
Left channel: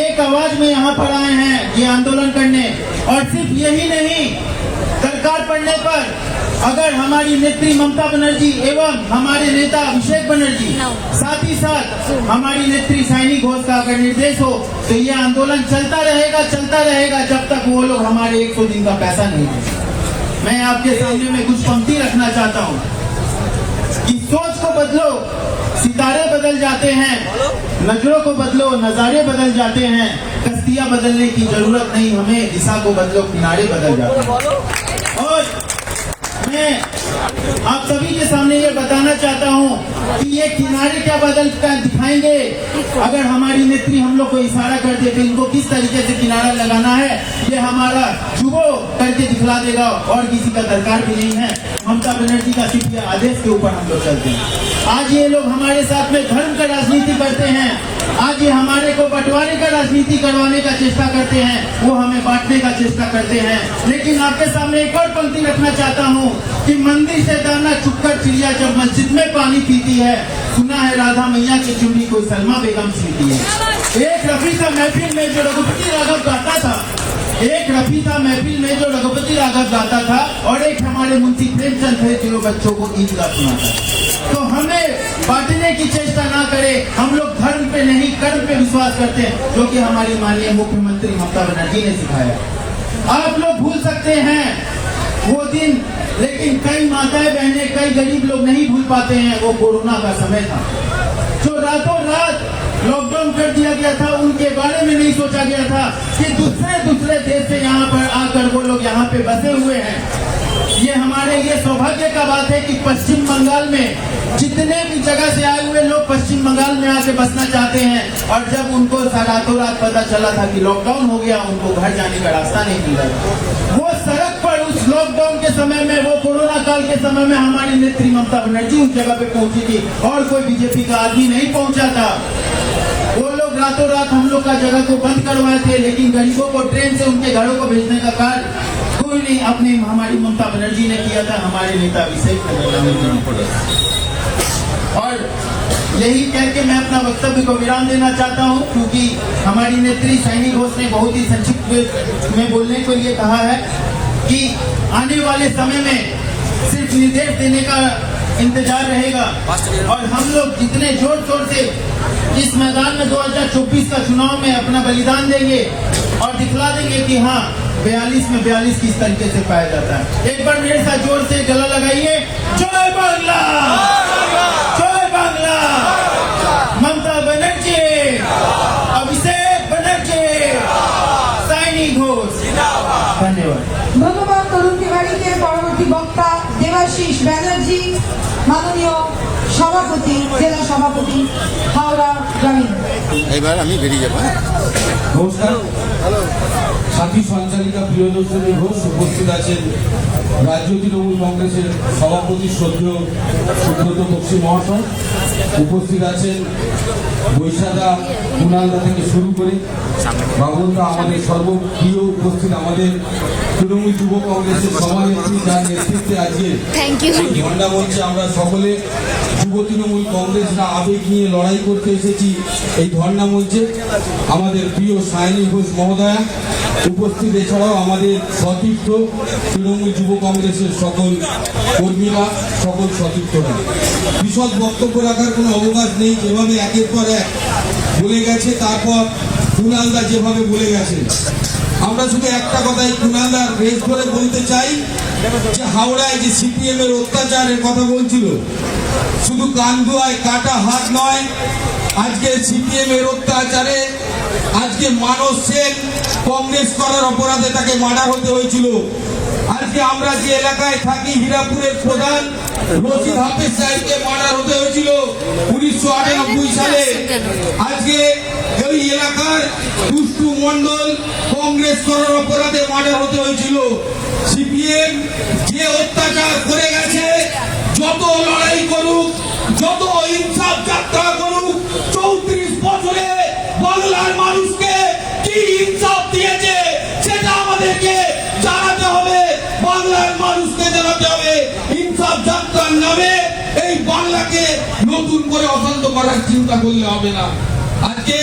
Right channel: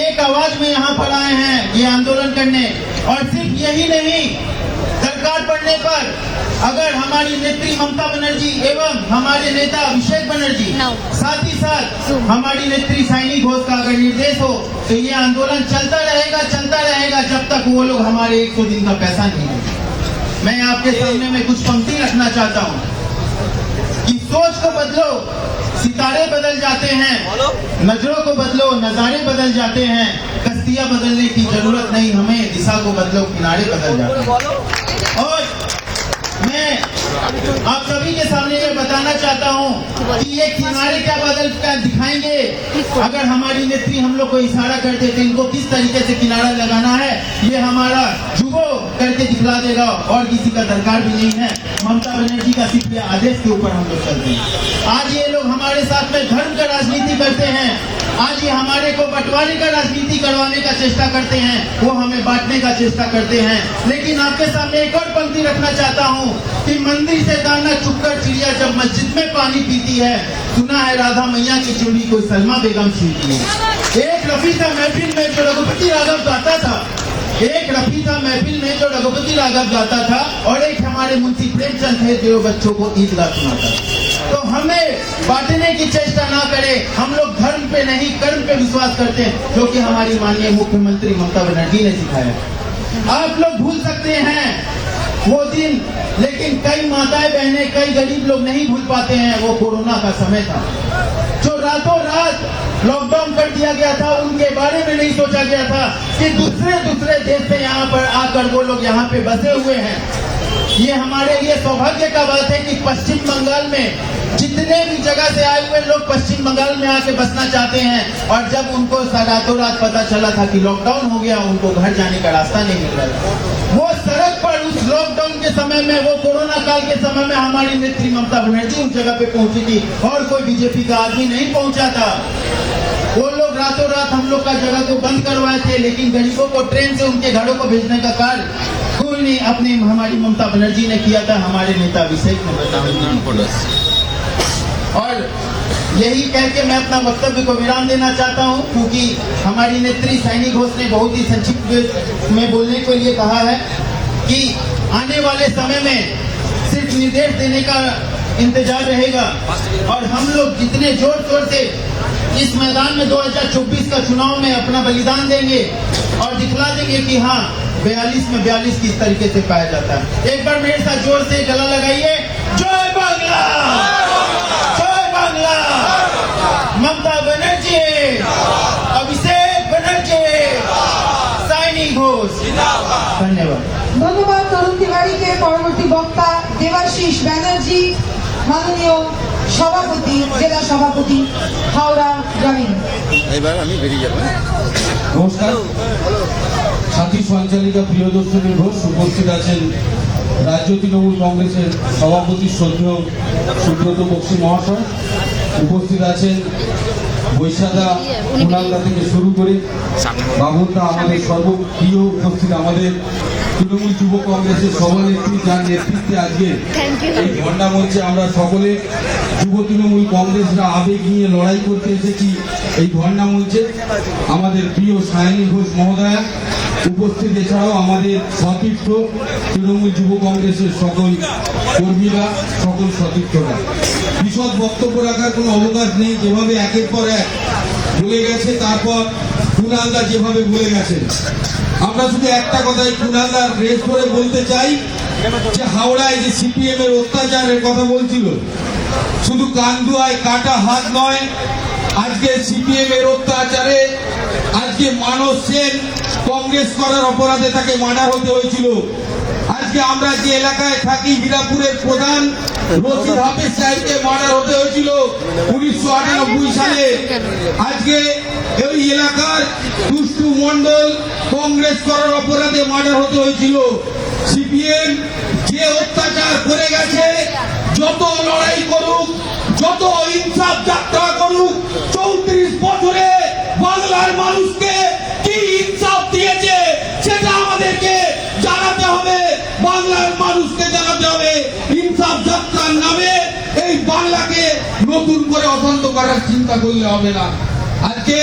एक आवाज में यहाँ पर आए हैं ये आंदोलन करने। और सिर्फ यही नहीं, दरकार पड़ने पर अगर हमारी नेत्री ममता बनर्जी एवं हमारे नेता अभिषेक बनर्जी, साथ ही साथ हमारी नेत्री साइनी घोष का अगर निर्देश हो तो ये आंदोलन चलता रहेगा जब तक वो लोग हमारे 100 दिन का पैसा नहीं देंगे। मैं आपके सामने में कुछ पंक्ति रखना चाहता हूँ कि सोच को बदलो, सितारे बदल जाते हैं, नजरों को बदलो, नजारे बदल जाते हैं, कश्तियां बदलने की जरूरत नहीं, हमें दिशा को बदलो, किनारे बदल जाते हैं। और मैं आप सभी के सामने ये बताना चाहता हूँ कि ये किनारे क्या बदल कर दिखाएंगे। अगर हमारी नेत्री हम लोग को इशारा कर दे तो इनको किस तरीके से किनारा लगाना है ये हमारा युवा करके दिखला देगा, और किसी का दरकार भी नहीं है। ममता बनर्जी का सिर्फ ये आदेश के ऊपर हम लोग चलते हैं। आज ये लोग हमारे साथ में धर्म का राजनीति करते हैं, आज ये हमारे को बंटवारे का राजनीति करवाने का चेष्टा करते हैं, वो हमें बांटने का चेष्टा करते हैं। लेकिन आपके सामने एक और पंक्ति रखना चाहता हूँ कि मंदिर से दाना चुपकर चिड़िया जब मस्जिद में पानी पीती है, सुना है राधा मैया की चूड़ी कोई सलमा बेगम सीती है। एक रफी था महफिल में जो रघुपति राघव गाता था, एक रफी था महफिल में जो रघुपति राघव गाता था, और एक हमारे मुंशी प्रेमचंद थे जो बच्चों को ईदगाह सुनाता। तो हमें बांटने की चेष्टा ना करें, हम लोग धर्म पे नहीं कर्म पे विश्वास करते हैं, जो कि हमारी माननीय मुख्यमंत्री ममता बनर्जी ने सिखाया। आप लोग भूल सकते हैं वो दिन, लेकिन कई माताएं बहनें, कई गरीब लोग नहीं भूल पाते हैं। वो कोरोना का समय था जो रातों रात लॉकडाउन कर दिया गया था, उनके बारे में नहीं सोचा गया था कि दूसरे देश से यहाँ पर आकर वो लोग यहाँ पे बसे हुए हैं। ये हमारे लिए सौभाग्य का बात है कि पश्चिम बंगाल में जितने भी जगह से आए हुए लोग पश्चिम बंगाल में आके बसना चाहते हैं, और जब उनको रातों रात पता चला था कि लॉकडाउन हो गया, उनको घर जाने का रास्ता नहीं मिल रहा। वो सड़क पर उस लॉकडाउन के समय में, वो कोरोना काल के समय में हमारी नेत्री ममता बनर्जी उस जगह पे पहुंची थी और कोई बीजेपी का आदमी नहीं पहुंचा था। वो लोग रातों रात हम लोग का जगह को बंद करवाए थे, लेकिन गरीबों को ट्रेन से उनके घरों को भेजने का कार्य कोई नहीं अपने हमारी ममता बनर्जी ने किया था, हमारे नेता अभिषेक बनर्जी ने किया। और यही कह के मैं अपना वक्तव्य को विराम देना चाहता हूं, क्योंकि हमारी नेत्री सैनी घोष ने बहुत ही संक्षिप्त में बोलने के लिए कहा है कि आने वाले समय में सिर्फ निर्देश देने का इंतजार रहेगा, और हम लोग जितने जोर शोर से इस मैदान में 2024 का चुनाव में अपना बलिदान देंगे और दिखला देंगे कि हाँ 42 में 42 किस तरीके से पाया जाता है। एक बार मेरे साथ जोर से गला लगाइए, जय बांग्ला, जय बांग्ला, ममता बनर्जी, अभिषेक बनर्जी, सैनी घोष। धन्यवाद। ধন্যবাদ তরুণী গাড়িতে পরবর্তী বক্তা দেবাশিস ব্যানার্জি, মাননীয় সভাপতি, জেলা সভাপতি, হাওড়া গ্রামীণ। এবার আমি বেরিয়ে যাবো। নমস্কার। সাথী সঞ্চালিকা প্রিয়দর্শনী ঘোষ, উপস্থিত আছেন রাজ্য তৃণমূল কংগ্রেসের সভাপতি শ্রদ্ধেয় সুব্রত বক্সী মহাশয়, উপস্থিত আছেন বৈশাখা কুনালদা থেকে শুরু করে বাবুলদা, আমাদের সর্বপ্রিয় উপস্থিত আমাদের তৃণমূল যুব কংগ্রেসের সভানেত্রী, যার নেতৃত্বে আজকে এই ঝান্ডা মঞ্চে আমরা সকলে যুব তৃণমূল কংগ্রেসরা আবেগ নিয়ে লড়াই করতে এসেছি এই ঝান্ডা মঞ্চে। আমাদের প্রিয় সায়নী ঘোষ মহোদয়া উপস্থিত, এছাড়াও আমাদের সতীর্থ তৃণমূল যুব কংগ্রেসের সকল কর্মীরা, সকল সতীর্থরা। বিশদ বক্তব্য রাখার কোনো অবকাশ নেই, যেভাবে একের পর এক বলে গেছে, তারপর কুনালদা যেভাবে বলে গেছেন, আমরা শুধু একটা কথাই কুনালদার রেস করে বলতে চাই যে হাওড়ায় যে সিপিএম এর অত্যাচারের কথা বলছিল, শুধু কান্দুয়ায় কাটা হাত নয়, আজকে সিপিএম এর অত্যাচারে আজকে মানস সেন কংগ্রেস করার অপরাধে তাকে মার্ডার হতে হয়েছিল। আজকে আমরা যে এলাকায় থাকি, হীরাপুরের প্রধান রশিদ হাফিজ সাহেবকে মার্ডার হতে হয়েছিল 1998 সালে। আজকে এই এলাকার দুষ্টু মন্ডল কংগ্রেস করার অপরাধে মার্ডার হতে হয়েছিল। সিপিএম যে অত্যাচার করে গেছে, যত লড়াই করুক, যত ইনসাফ যাত্রা করুক, 34 বছরে বাংলার মানুষকে কি ইনসাফ দিয়েছে সেটা আমাদেরকে জানাতে হবে, বাংলার মানুষকে জানাতে হবে। ইনসাফ যাত্রার নামে এই বাংলাকে নতুন করে অশান্ত করার চিন্তা করলে হবে না। আজকে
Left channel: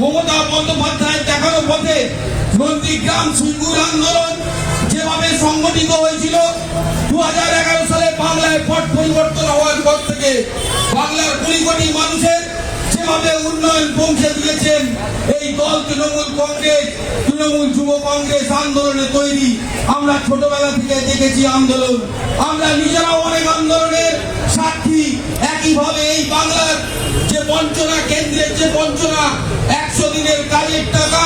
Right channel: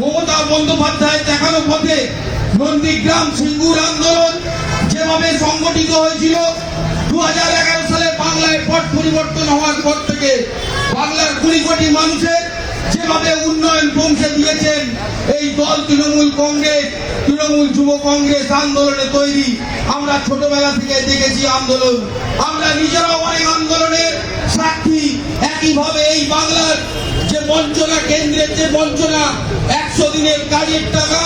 মমতা বন্দ্যোপাধ্যায় দেখানো পথে নন্দীগ্রাম সিঙ্গুর আন্দোলন যেভাবে সংগঠিত হয়েছিল 2011 সালে বাংলায় পট পরিবর্তন হওয়ার পর থেকে বাংলার 20 কোটি মানুষের যেভাবে উন্নয়ন পৌঁছে দিয়েছেন এই দল তৃণমূল কংগ্রেস, তৃণমূল যুব কংগ্রেস আন্দোলনে তৈরি। আমরা ছোটবেলা থেকে দেখেছি আন্দোলন, আমরা নিজেরাও অনেক আন্দোলনের সাক্ষী। একইভাবে এই বাংলার যে বঞ্চনা, কেন্দ্রের যে বঞ্চনা, 100 দিনের কাজের টাকা,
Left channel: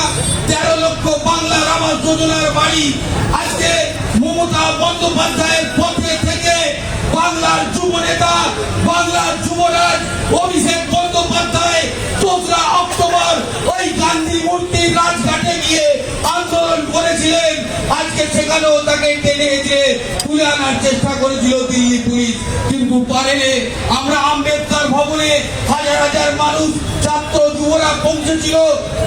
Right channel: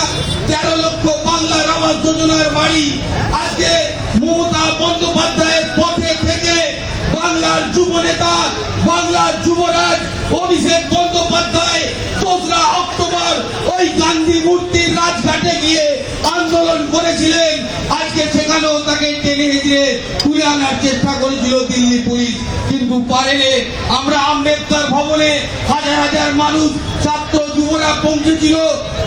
13 লক্ষ বাংলার আবাস যোজনার বাড়ি, আজকে মমতা বন্দ্যোপাধ্যায়ের পথে থেকে বাংলার যুব নেতা, বাংলার যুবরাজ অভিষেক বন্দ্যোপাধ্যায় 2রা অক্টোবর ওই গান্ধী মূর্তির রাজঘাটে গিয়ে আন্দোলন করেছিলেন। আজকে সেখানেও তাকে টেনে হেঁচড়ে তুলে আনার চেষ্টা করেছিল দিল্লি পুলিশ, কিন্তু পারেনি। আমরা আম্বেদকর ভবনে হাজার হাজার মানুষ, ছাত্র যুবরা পৌঁছেছিল।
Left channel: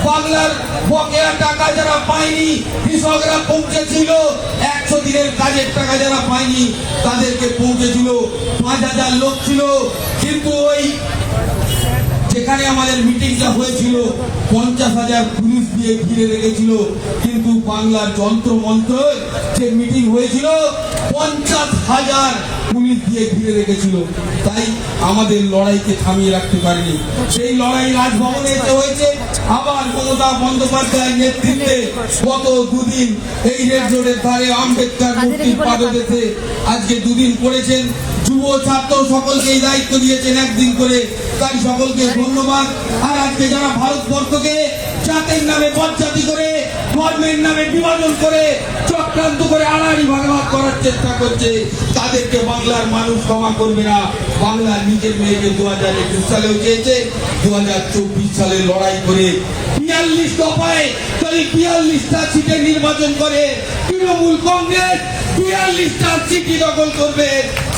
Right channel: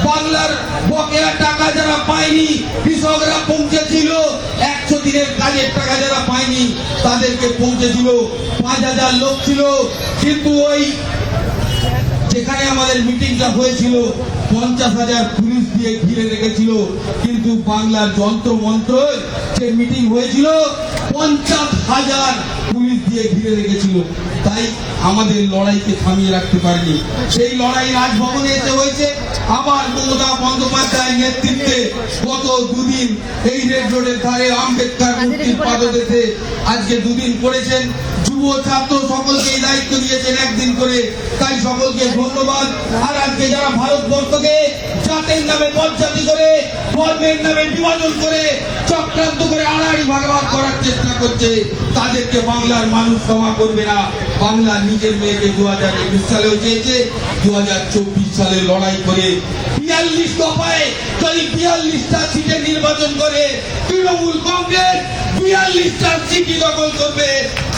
বাংলার বকেয়া টাকা যারা পায়নি, কৃষকরা পৌঁছেছিল। 100 দিনের কাজের টাকা যারা পায়নি তাদেরকে পৌঁছেছিল। 5000 লোক ছিল, কিন্তু ওই যেখানে আমাদের মিটিংটা হয়েছিল 50,000 পুলিশ দিয়ে ঘিরে রেখেছিল। কিন্তু বাংলার যন্ত্র মন্ত্র যে মিটিং হয়েছিল 50,000 পুলিশ দিয়ে ঘিরে রেখেছিল, তাই আমাদের লড়াইকে থামিয়ে রাখতে পারেনি। সেই লড়াই রাজভবনে এসে হয়েছে। আবার মমতা বন্দ্যোপাধ্যায়ের নেতৃত্বে গত দুদিন এই রেড রোডের ধারে আম্বেদকর মূর্তির পাদদেশে আজকে দুদিন করেছেন। যুব ছাত্র সকলকে এই দায়িত্ব দিয়েছেন একদিন করে, তাই সকলকে ধন্যবাদ। আর আজকে যারা ভারতবর্ষকে জাতের নামে বজ্জাতি করে, ধর্মের নামে বিভাজন করে, চক্রান্ত করে আড়াআড়ি ভাগাভাগ করার চেষ্টা করছে, তাদেরকে বাংলার মানুষ ক্ষমা করবে না। বাংলার নিজের মেয়েকে 2021 সালেও চেয়েছে, 2024 সালে লড়াই করে 42 দফায় যদি 42টা সিটে নির্বাচন করে তৃণমূল কংগ্রেস 42টা সিটি দখল করবে।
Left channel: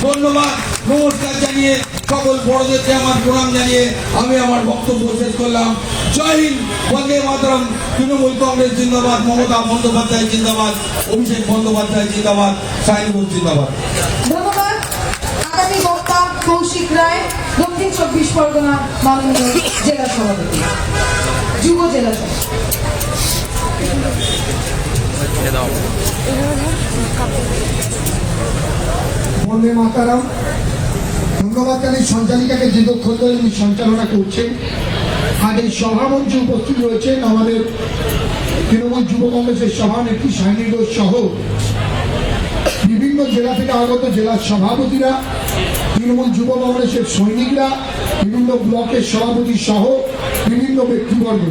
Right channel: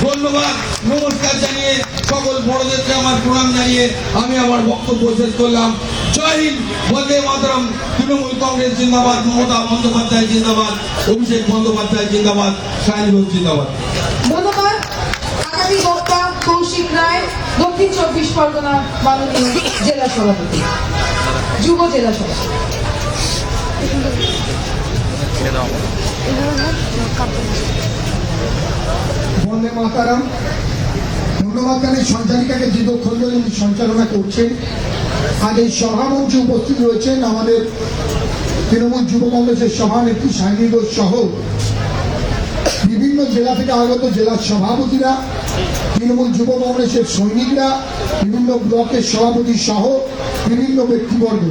ধন্যবাদ, নমস্কার জানিয়ে সকল বড়দেরকে আমার প্রণাম জানিয়ে আমি আমার বক্তব্য শেষ করলাম। জয় হিন্দ, বন্দে মাতরম। তৃণমূল কংগ্রেস জিন্দাবাদ, মমতা বন্দ্যোপাধ্যায় জিন্দাবাদ, অভিষেক বন্দ্যোপাধ্যায় জিন্দাবাদ, সাইনবোর্ড জিন্দাবাদ। ধন্যবাদ। আগামী বক্তা কৌশিক রায়, দক্ষিণ 24 পরগনা মাননীয় জেলা সভাপতি, যুব জেলা সভাপতি। বন্দে মাতারাম। ধন্যবাদ জানাই সঞ্চালিকাকে দীর্ঘক্ষণ ধরে উনি সঞ্চালনা করছেন। আজ এই সভামঞ্চে উপস্থিত রয়েছেন আমাদের তৃণমূল যুব কংগ্রেসের সভানেত্রী শাইনী ঘোষ সহ বিভিন্ন জেলা থেকে আগত জেলার সভাপতিরা, তৃণমূল যুব কংগ্রেসের সৈনিকরা, বিভিন্ন ব্লকের সভাপতি সহ বিভিন্ন ব্যক্তিবর্গ।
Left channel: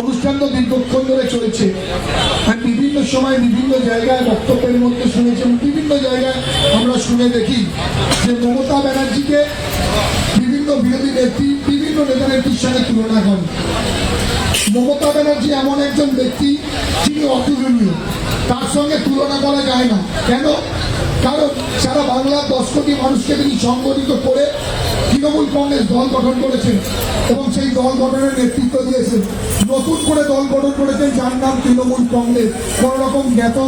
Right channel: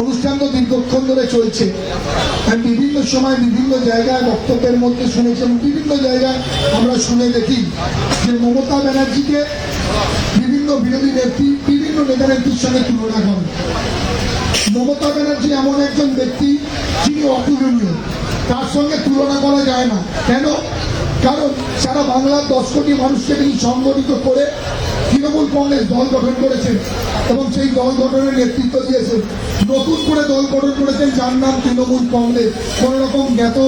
অনুষ্ঠান তো দীর্ঘক্ষণ ধরে চলছে। আমি বিভিন্ন সময় বিভিন্ন জায়গায় বক্তব্যের মধ্যে শুনেছেন, বিভিন্ন জায়গায় আমরা শুনে দেখি যে মমতা ব্যানার্জিকে বিভিন্ন বিরোধী নেত্রী, বিভিন্ন নেতা নেত্রীর সাথে তুলনা করেন। মমতা ব্যানার্জি এমন একজন ব্যক্তি যিনি অতুলনীয়, তার সঙ্গে তুলনা করা যায় না। কেন? কারণ সারা বাংলার 10 কোটি মানুষকে তিনি সংগঠিত করে তৃণমূল কংগ্রেস দল গঠন করেছেন এবং সেই দল গঠনের নেতৃত্ব দিয়েছেন। নতুন করে দল গঠন করেছেন যার নাম তৃণমূল কংগ্রেস। কোন রকম জ্ঞাত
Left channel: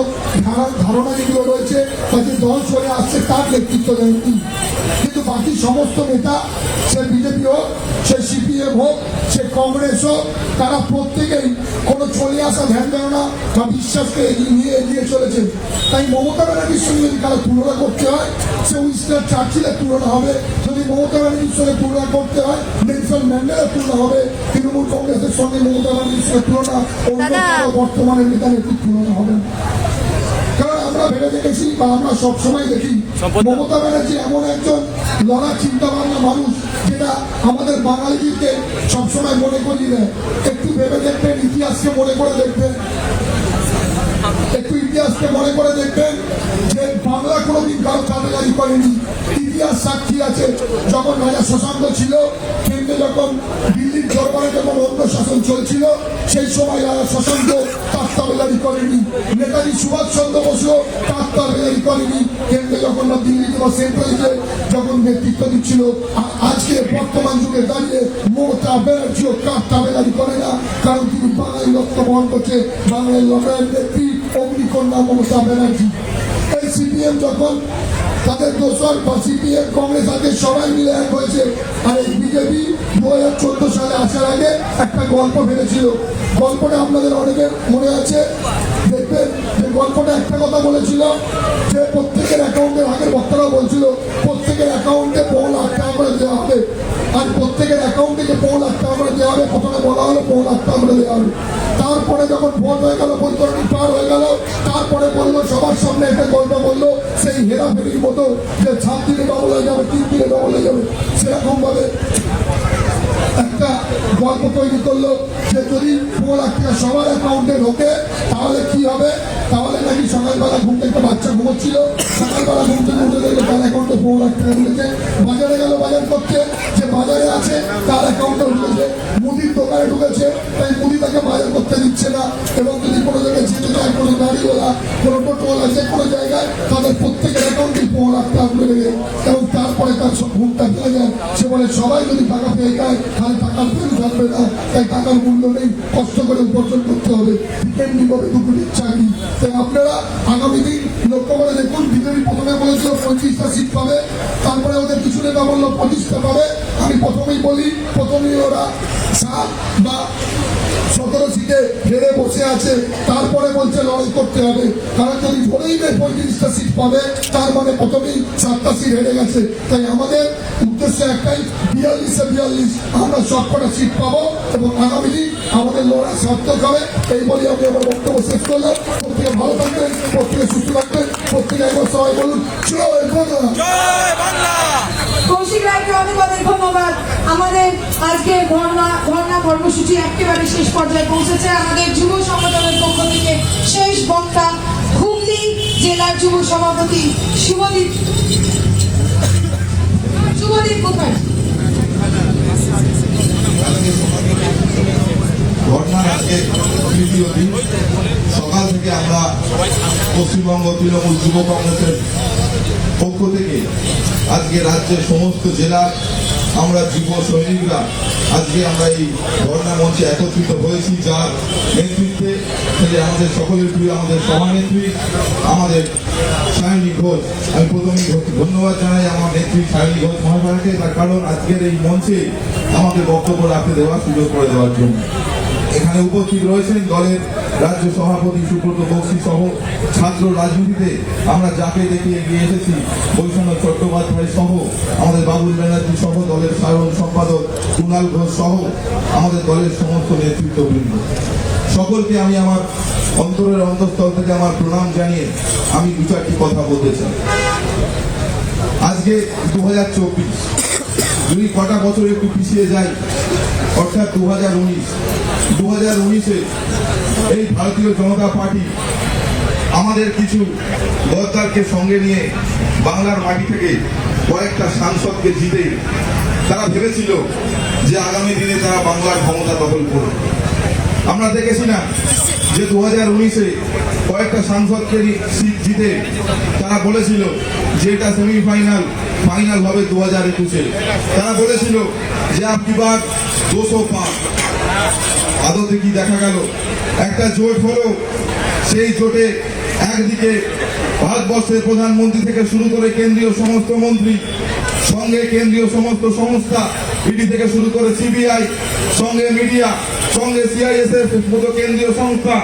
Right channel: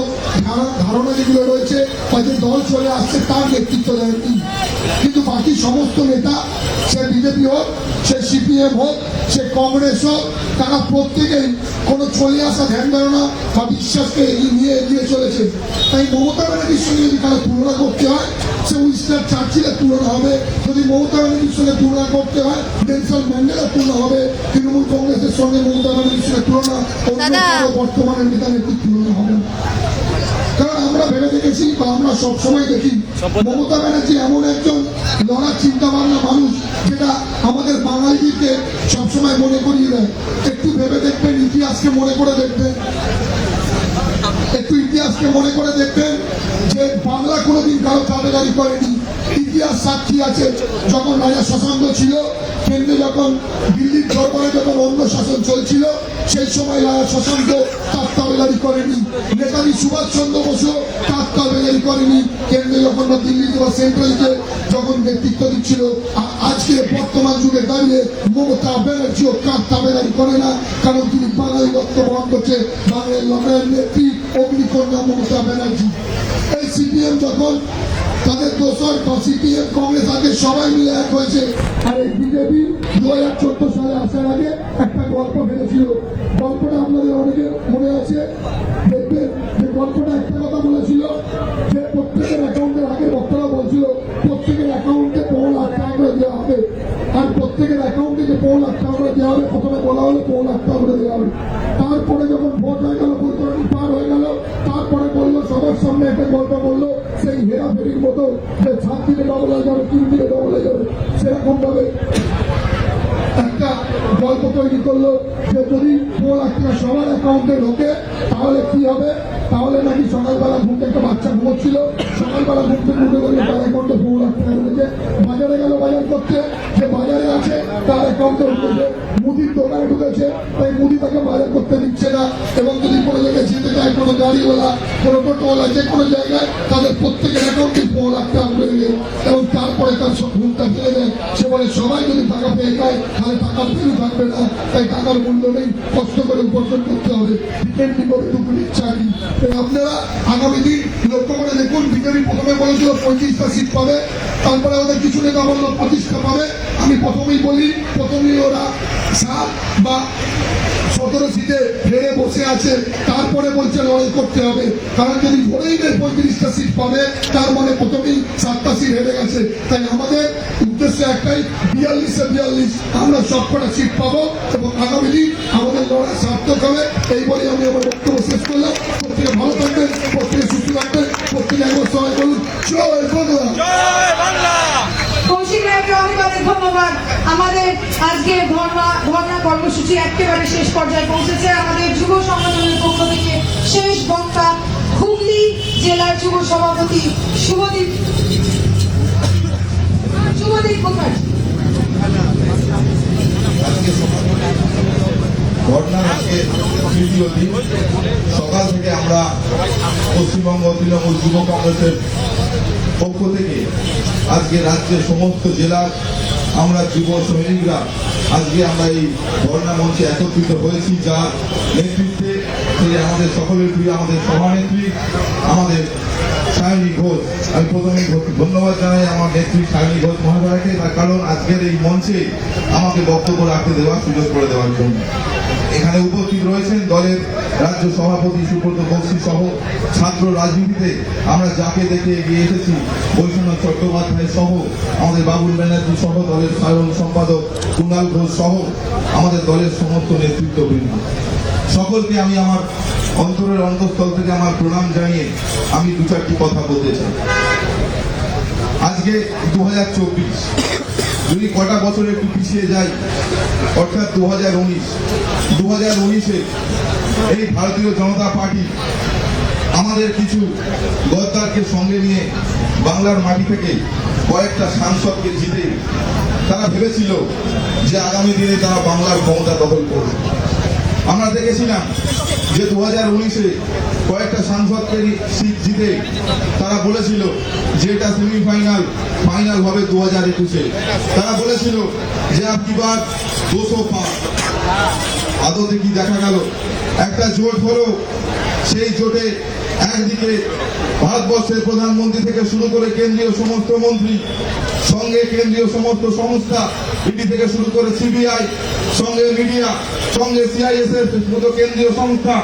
ধারণা যেগুলো রয়েছে বা যে দল চলে আসছে তার নেতৃত্ব দেননি। কিন্তু বাকি সমস্ত নেতা, সে বিজেপি হোক, সে সিপিএম হোক, সে কংগ্রেস হোক, তারা প্রত্যেকেই কোনো চলে আসা ধ্যান ধারণা বা বিশ্বাসকে নিয়ে এগিয়ে চলেছে। তাই মমতা ব্যানার্জির সঙ্গে যদি কারো তুলনা করতে হয়, সে উইনস্টন চার্চিলের তুলনা হবে। যদি মমতা ব্যানার্জির সঙ্গে তুলনা করতে হয়, নেলসন ম্যান্ডেলার তুলনা হবে। তৃণমূল কংগ্রেসের সঙ্গে মমতা ব্যানার্জির সঙ্গে তুলনা বর্তমানের নেতা নেত্রীর তুলনা হবে না। কারণ আমরা ভেবে দেখেছি বা আমরা সবসময় দেখি মমতা ব্যানার্জি এমন একজন লড়ার চিন্তা ভাবনা মানুষ, যেটা আমাদের বাঙালিদেরকে সবসময় মনে করিয়ে দেয়। একটু ভেবে দেখবেন, ইতিহাসকে মনে করে দেখবেন, একটু ইতিহাসকে মনে করে দেখবেন যে বাংলা কোনোদিন কারো পাবেগারি করেনি। ইতিহাস সাক্ষী আছে, যখন রাজা শশাঙ্ক ছিল, কেন্দ্রে যখন দিল্লির দরবারে যখন অন্য শাসন চলছিল, সেই সময় রাজা শশাঙ্ক তার তাবেদারি করেনি। নেতাজি সুভাষচন্দ্র বসু তার তাবেদারি করেনি। কেন্দ্রে যখন দিল্লিতে বা সেন্ট্রালকে যখন নেতৃত্ব দিচ্ছিল। আর আজকে বর্তমান যুগে দাঁড়িয়ে মমতা ব্যানার্জিও কার তাবেদারি করে না, কারণ তিনি বাঙালি লক্ষ্য বহন করছে। বাঙালি লড়াইয়ের নেত্রী অগ্নিকন্যা মমতা ব্যানার্জি। তাই সিপিএম যখন তাদের দোষর বা সিপিএম কংগ্রেস আগে সবাই মিলে এক হয়েছে। আর এই বিজেপি 2014 সালে আসার আগে একটা গল্প ফেলেছিল। গল্পটা আপনাদের অনেকের মনে আছে, দেখবেন যে গল্পটা একটা কথা বলেছিল যে প্রত্যেকের অ্যাকাউন্টে, আগের বক্তারা বলছিল প্রত্যেকের অ্যাকাউন্টে 5 লাখ টাকা করে দেওয়া হবে। আর প্রত্যেকের অ্যাকাউন্টে যে 5 লাখ টাকা করে দেওয়া হবে, প্রথমে বলা হলো 5 লাখ টাকা করে দেওয়া হবে। তারপরে যখন ভোট হয়ে গেল, বৈতরণী পার হয়ে গেল, তারপরে বললো সবার সামনে একটা গল্প বললো, সেই হেরাফেরির মতো যে 7 দিনে ডবল হয়ে যাবে, 3 দিনে ডবল হয়ে যাবে। সেরকম ভাবে একটা গল্প তৈরি করলো যে যদি 4 লাখ টাকা সবার অ্যাকাউন্টে ঢোকে তাহলে কি হবে। তাহলে নাকি সকালবেলা ঘুম থেকে, বাচ্চা ঘুমোচ্ছিল, সকালবেলা ঘুম থেকে উঠে দেখলো তার অ্যাকাউন্টে 4 লাখ টাকা উঠেছে। বাজারে গেল বাজার করতে, যে বাজারে আছে তার অ্যাকাউন্টে উঠেছে। মুদির দোকানে ঢুকেছে, তাই মুদি তাকে বাজার করতে দিচ্ছে না। এবং যদি কোনো জায়গায় যেতে চায়, কোনো গাড়িওয়ালা, কোনো টোটোওয়ালা, যে কোনো জায়গায়, তাদের প্রত্যেকের অ্যাকাউন্টে 4 লাখ টাকা করে দেবে। এবং তারপরে তার ঘুমটা ফেলে যায়। সে বলে সবাই যদি টাকা পেয়ে যায় তাহলে টাকা ফেলে থাকবে না, তাই টাকার মূল্য নেই, কষ্ট করে উপার্জন করতে হবে। বিকেন্দ্রিক করে দুপুরের চাকরি। তাই আপনারা আগামী দিন লক্ষ্য করে দেখুন, বিজেপি প্রথমে বলেছিল 25টা সিট পাবে, তারপরে ওদের কিছু নেতা বললো 25টা পাবে। আমি প্রথমেই বলি, প্রথমেই ওরা 7 বা 17 সিটে হেরে বসে আছে, তারপরে বলছে লড়াই করতে হবে। কারণ যদি ধরেই নেই 35টা সিট পাবে, তার মানে প্রথমেই 7টা সিট হেরে গেছে। তাই আমাদের উদ্দেশ্য একটাই, 42 আমরা সবকটা সিট পাবো এবং আগামী দিন আমাদের লড়াই সার্থক হবে। এই বলে আমি আমার বক্তব্য শেষ করলাম। প্রত্যেকে ভালো থাকবেন, প্রত্যেকে সুস্থ থাকবেন, প্রত্যেকে একবার সবাই বলুন জয় বাংলা। কৌশিক রায়কে অনেক ধন্যবাদ। আমাদের আজকে ধর্ণা কর্মসূচি একেবারে শেষ পর্যায়ে পৌঁছেছে। আমাদের যুব সংগঠনের পক্ষ থেকে শেষ বক্তা হুগলি জেলার যুব সভাপতি শুভদীপ মুখার্জি। ঘটনার আজকে তৃতীয় দিন, সকাল থেকে আমরা পশ্চিমবঙ্গ তৃণমূল যুব কংগ্রেসের পক্ষ থেকে আজকে রাজ্যের সমস্ত জেলার আমরা যুব সৈনিকরা আজকে আমরা এই ধর্ণা মঞ্চে একত্রিত হয়েছি, যার নেতৃত্বে সেই আমাদের সকলের প্রিয় আমাদের সভানেত্রী আমাদের সায়নী ঘোষ। আমি প্রথমেই ধন্যবাদ জানাই আমার নেত্রী সায়নী ঘোষ মহাশয়কে, তার কারণ আজকের এই মঞ্চে আমাকে বক্তব্য রাখতে দেওয়ার সুযোগ করে দেওয়ার জন্য। এখানে উপস্থিত রয়েছেন দলের রাজ্য সভাপতি সুব্রত বক্সী সহ ছাত্র রাজনীতিতে আমরা যাকে দেখে এগিয়ে এসেছি বৈষ্ণব চট্টোপাধ্যায় সহ আমাদের বাবুল ব্যানার্জি সহ দলের সাধারণ সম্পাদক কুণাল ঘোষ সহ আমাদের দলের সমস্ত নেতৃত্ববৃন্দ সকলকে আমি আমার অন্তরের অন্তঃস্থল থেকে আমার প্রণাম জানিয়ে আমি দু চারটি কথা বলতে চাই। আজকে 2024, যদি কটা বছর একটু পিছিয়ে যাই, অর্থাৎ 2019-এ এই ভারতীয় জনতা পার্টি আমাদের কিছু গদ্দারকে সঙ্গে নিয়ে বাংলার মাটি থেকে কয়েকটা সাংসদকে জিতে তারা ভেবেছিল যে আগামী দিনে তারা বাংলার ক্ষমতা দখল করবে। আমরা দেখেছিলাম যে 2019-এ কয়েকটা সাংসদকে সিট জিতে তারা বলেছিল যে এটা সেমিফাইনাল, ফাইনাল হবে 2021-এ। তারা বলেছিল যে আপনি বার 200 পার। আদতে কি দেখা গেল? একটা জোট হলো, সেই জোটে একদিকে ভারতবর্ষের প্রধানমন্ত্রী থেকে শুরু করে কেন্দ্রীয় সমস্ত মন্ত্রী, সঙ্গে কেন্দ্রীয় সমস্ত সংস্থা, ইডি থেকে শুরু করে সিবিআই, সঙ্গে মিডিয়া, সঙ্গে সিআইএসএফ মতো কেন্দ্রীয় সংস্থা,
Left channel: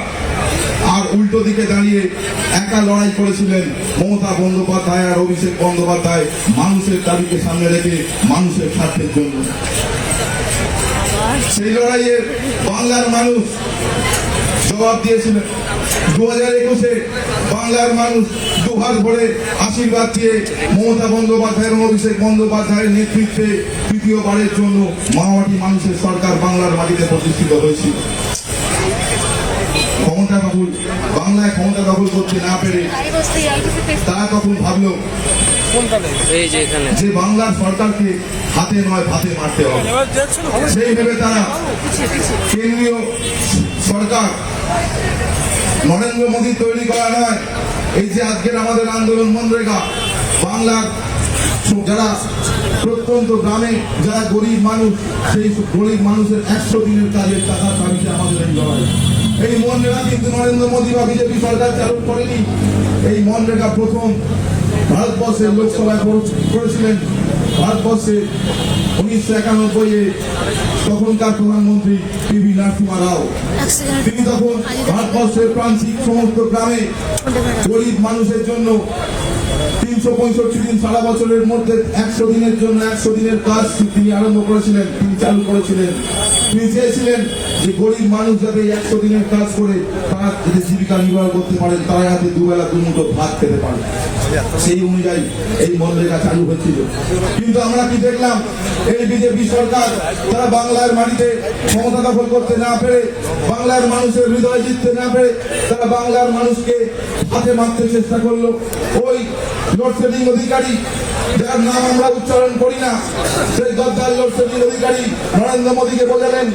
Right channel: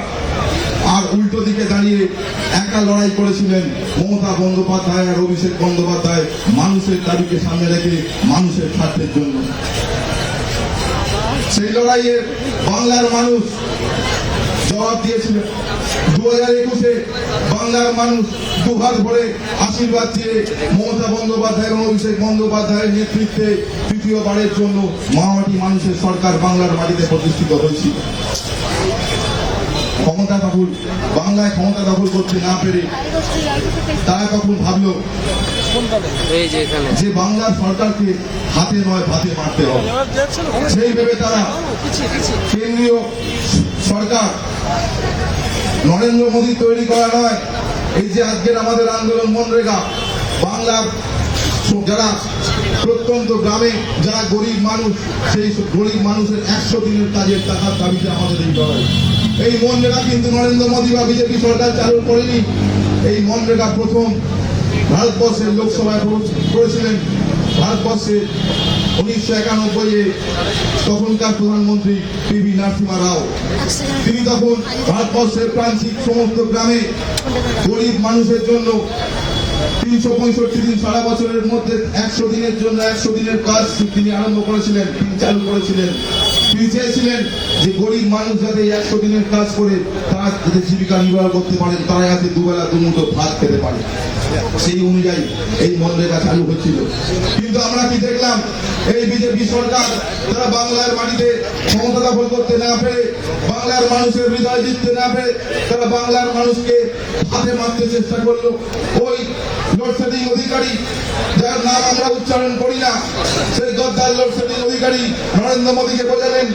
আর উল্টো দিকে দাঁড়িয়ে একা লড়াই করেছিলেন মমতা বন্দ্যোপাধ্যায় আর অভিষেক বন্দ্যোপাধ্যায়, মানুষের দাবিকে সামনে রেখে মানুষের স্বার্থের জন্য। সেই লড়াইয়ে বাংলার মানুষ জবাব দিয়েছিলেন। 2021-এ বাংলার মানুষ দুহাত ভরে আশীর্বাদ দিয়ে মমতা বন্দ্যোপাধ্যায় এবং অভিষেক বন্দ্যোপাধ্যায়ের নেতৃত্বে তৃতীয়বারের জন্য মহামাটি মানুষের সরকার বাংলার মাটিতে প্রতিষ্ঠিত হয়েছিল। বাংলায় ক্ষমতা দখল করতে না পেরে তারা তখন ভাবলো যে বাংলার সরকারকে হাতে নয় ভাতে মারতে হবে। সেই ভেবে তারা কেন্দ্রীয় সরকার নরেন্দ্র মোদী তৈরি করা নয়, এই যে আজকের আমাদের আন্দোলন মনরেগা, বাংলার যারা প্রত্যন্ত গ্রামে যারা গরিব মানুষ, সেই গরিব মানুষের 100 দিনের কাজের টাকার দাবিতে আমাদের এই লড়াই। এই মনরেগা কিন্তু নরেন্দ্র মোদী বা বিজেপি সরকার চালু করেনি। এই মনরেগা প্রথম ভারতবর্ষের লোকসভায় করেছিলেন ভারতবর্ষে 1991-এ তখনকার প্রধানমন্ত্রী পিভি নরসিংহ রাও। তিনি তখন ভারতবর্ষের প্রান্তিক সমস্ত গ্রামে গরিব মানুষের জন্য 365 দিন সারা বছরের মধ্যে 100 দিনের জন্য 100 দিনের কাজ তিনি আরম্ভ করেছিলেন, তিনি চালু করেছিলেন। তিনি চেয়েছিলেন যে গরিব মানুষ যাতে 100 দিনের কাজ করে তারা যাতে জীবিকা নির্বাহ করতে পারেন, তারা যাতে দুবেলা দুমুঠো ভাত খেতে পারে। সেই অনুযায়ী এই মনরেগা চালু হচ্ছিল। কিন্তু আমরা কি দেখলাম? এই বিজেপি সরকার তারা বাংলার মাটিতে ক্ষমতা দখল করতে না পেরে, বাংলার মানুষের হৃদয় জিততে না পেরে তারা বাংলার মানুষকে হাতে মারতে চেষ্টা করলো। ওই লোডশেডিং অধিকারী, যার নাম আমরা উচ্চারণ করি না, সেই গদ্দার লোডশেডিং অধিকারী নরেন্দ্র মোদীকে বোঝালেন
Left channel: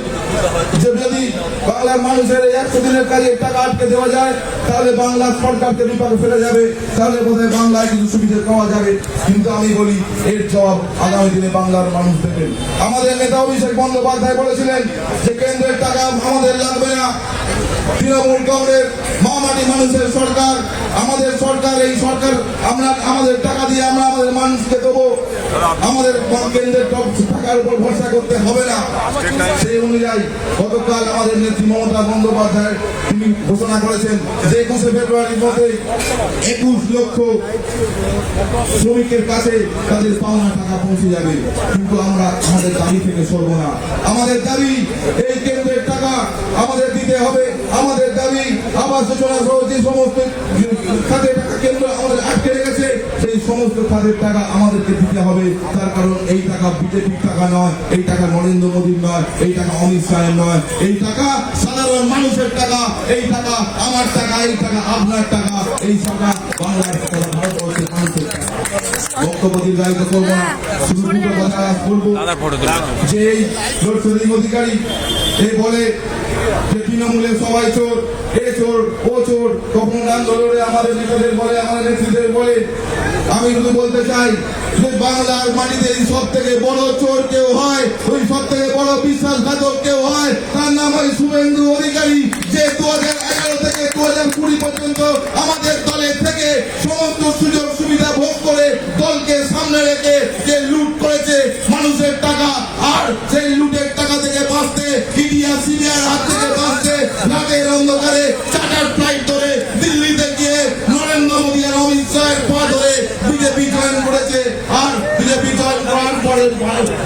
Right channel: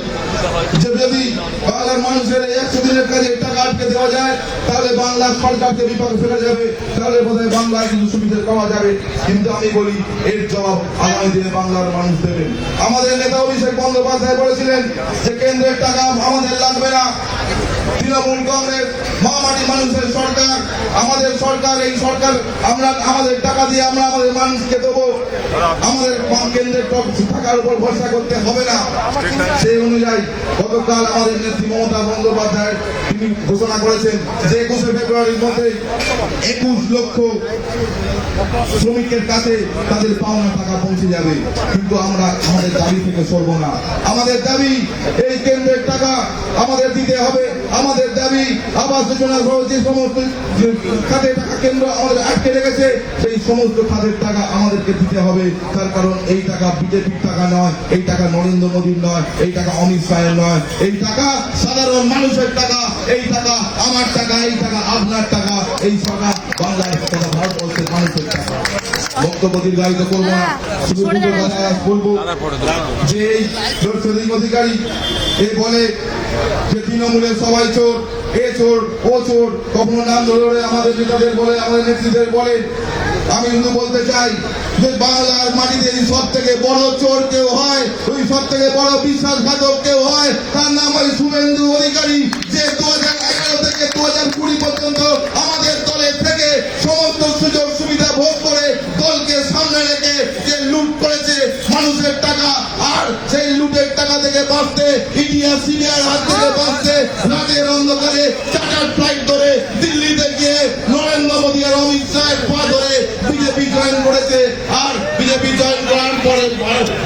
যে যদি বাংলার মানুষের 100 দিনের কাজের টাকা আটকে দেওয়া যায় তাহলে বাংলা সরকারকে বিপাকে ফেলে যাবে, তাহলে বোধহয় বাংলায় কিছু সুবিধা পাওয়া যাবে। কিন্তু আমি বলি এর জবাব আগামী দিনে বাংলার মানুষ দেবেন। আমাদের নেতা অভিষেক বন্দ্যোপাধ্যায় বলেছিলেন যে কেন্দ্রের টাকা আমাদের লাগবে না, তৃণমূল কংগ্রেস মহামাটি মানুষের সরকার, আমাদের সরকার, এই সরকার আমরা আমাদের টাকা দিয়ে আমরা আমাদের মানুষকে দেবো, আমাদের কেন্দ্রের টাকার উপর ভরসা করতে হবে না। সেই অনুযায়ী গত গতকাল আমাদের নেত্রী মমতা বন্দ্যোপাধ্যায় তিনি ঘোষণা করেছেন যে 21শে ফেব্রুয়ারির মধ্যে 21 লক্ষ শ্রমিকের কাছে তাদের পাওনা টাকা পৌঁছে যাবে। কিন্তু আমরা আমাদের দাবি থেকে সরব না। আমাদের দাবি এই কেন্দ্রের টাকা আমাদের দিতে হবে। আমাদের দাবি আবাস যোজনা সহ যে সমস্ত খাতের টাকা কেন্দ্র আমাদের আটকে রেখেছে সেই সমস্ত খাতের টাকা আমাদেরকে দিতে হবে। তার কারণ এই টাকা বিজেপির টাকা নয়, এই টাকা নরেন্দ্র মোদীর নয়, এই টাকা অমিত শাহের নয়, এই টাকা সাধারণ মানুষের টাকা, এই টাকা আমার টাকা, এই টাকা আপনার টাকা, এই টাকা বাংলাদেশ তথা ভারতবর্ষের মানুষের টাকা। বক্তব্য দীর্ঘায়িত করবো না, শুধু দুটো কথা বলবো যে এই লোকসভা অধিকারী এ বলে যে তৃণমূলের সবাই চোর, এ চোর, ও চোর, কখনো আন্দোলনে আমাদের নেতাদের বলে, আমাদের নেত্রীদের বলে। আমি শুধু বলতে চাই যে বাংলার মাটিতে সব থেকে বড় চোর কেউ হয়, ওই সব থেকে বড় বিশ্বাসঘাতক কেউ হয়, তার নাম হয় শুভেন্দু অধিকারী, যে 2011 থেকে 2020 পর্যন্ত আমাদের দলের থেকে সমস্ত সুযোগ সুবিধা ভোগ করে দলকে সামনে রেখে যে লুট করেছে মানুষের টাকা, আর সেই লুটের টাকা থেকে বাঁচতে ইন্ডিয়া সিবিআই হাত থেকে বাঁচতে রাতের অন্ধকারে চার্টার ফ্লাইট ধরে দিল্লিতে গিয়ে নরেন্দ্র মোদী আর অমিত শাহের পা ধরে বিজেপি জয়েন করেছে। আর বিজেপি জয়েন করার পরে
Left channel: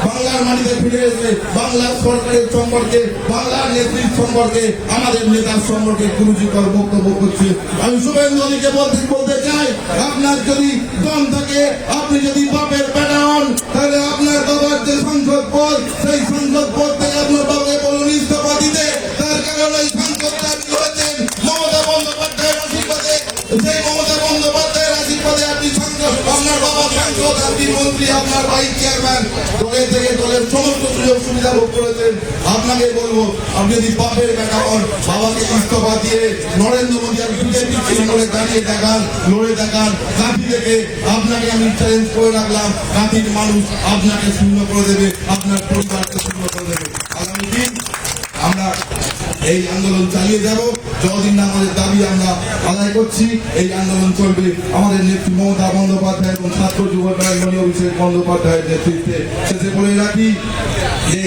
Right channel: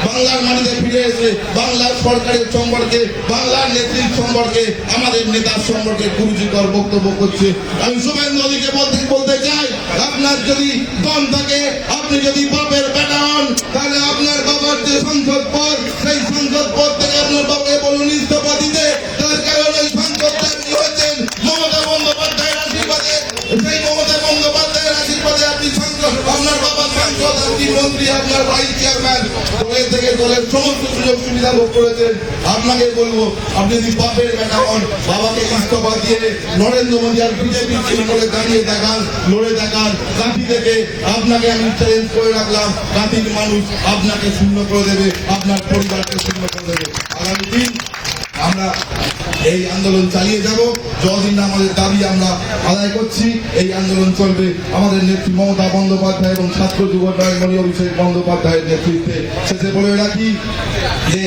বাংলার মাটিতে ফিরে এসে বাংলার সরকারের সম্পর্কে, বাংলার নেত্রীর সম্পর্কে, আমাদের নেতার সম্পর্কে কুরুচিকর বক্তব্য করছে। আমি শুভেন্দু অধিকারীকে বলতে চাই, আপনার যদি দম থাকে, আপনি যদি বাপের বেটা হন, তাহলে আপনার বাবার যে সংসদ পদ, সেই সংসদ পদ থেকে আপনার বাবাকে বলুন ইস্তফা দিতে। তার কারণ এই সংসদটা আপনি হয়েছেন মমতা বন্দ্যোপাধ্যায়ের আশীর্বাদে, সেই মমতা বন্দ্যোপাধ্যায়ের আশীর্বাদে আপনি সংসদ, আপনার বাবা সংসদ, আপনি মন্ত্রী, আপনার ভাই চেয়ারম্যান, দলের থেকে দলের সমস্ত সুযোগ সুবিধা ভোগ করেছেন। আপনাকে বলবো, আপনি যদি বাপের বেটা হন, বাবাকে ইস্তফা দিয়ে নরেন্দ্র মোদী আর বিজেপি তৃণমূলে দাঁড়িয়ে দেখান, লড়ে দেখান। কাঁথি থেকে আপনাকে আমি চ্যালেঞ্জ করে রাখলাম, কাঁথির মানুষ আপনাকে শূন্য করে দেবে, আপনার পরিবারকে শূন্য করে দেবে। আগামী দিন আমরা এই আন্দোলন চালিয়ে যাব, যতদিন না আমাদের দাবি আমরা আদায় করছি এই আন্দোলন চলবে। আমাদের নেত্রী মমতা বন্দ্যোপাধ্যায় এবং ছাত্র যুব মণি অভিষেক বন্দ্যোপাধ্যায়ের নেতৃত্বে। শেষে বলে রাখি যে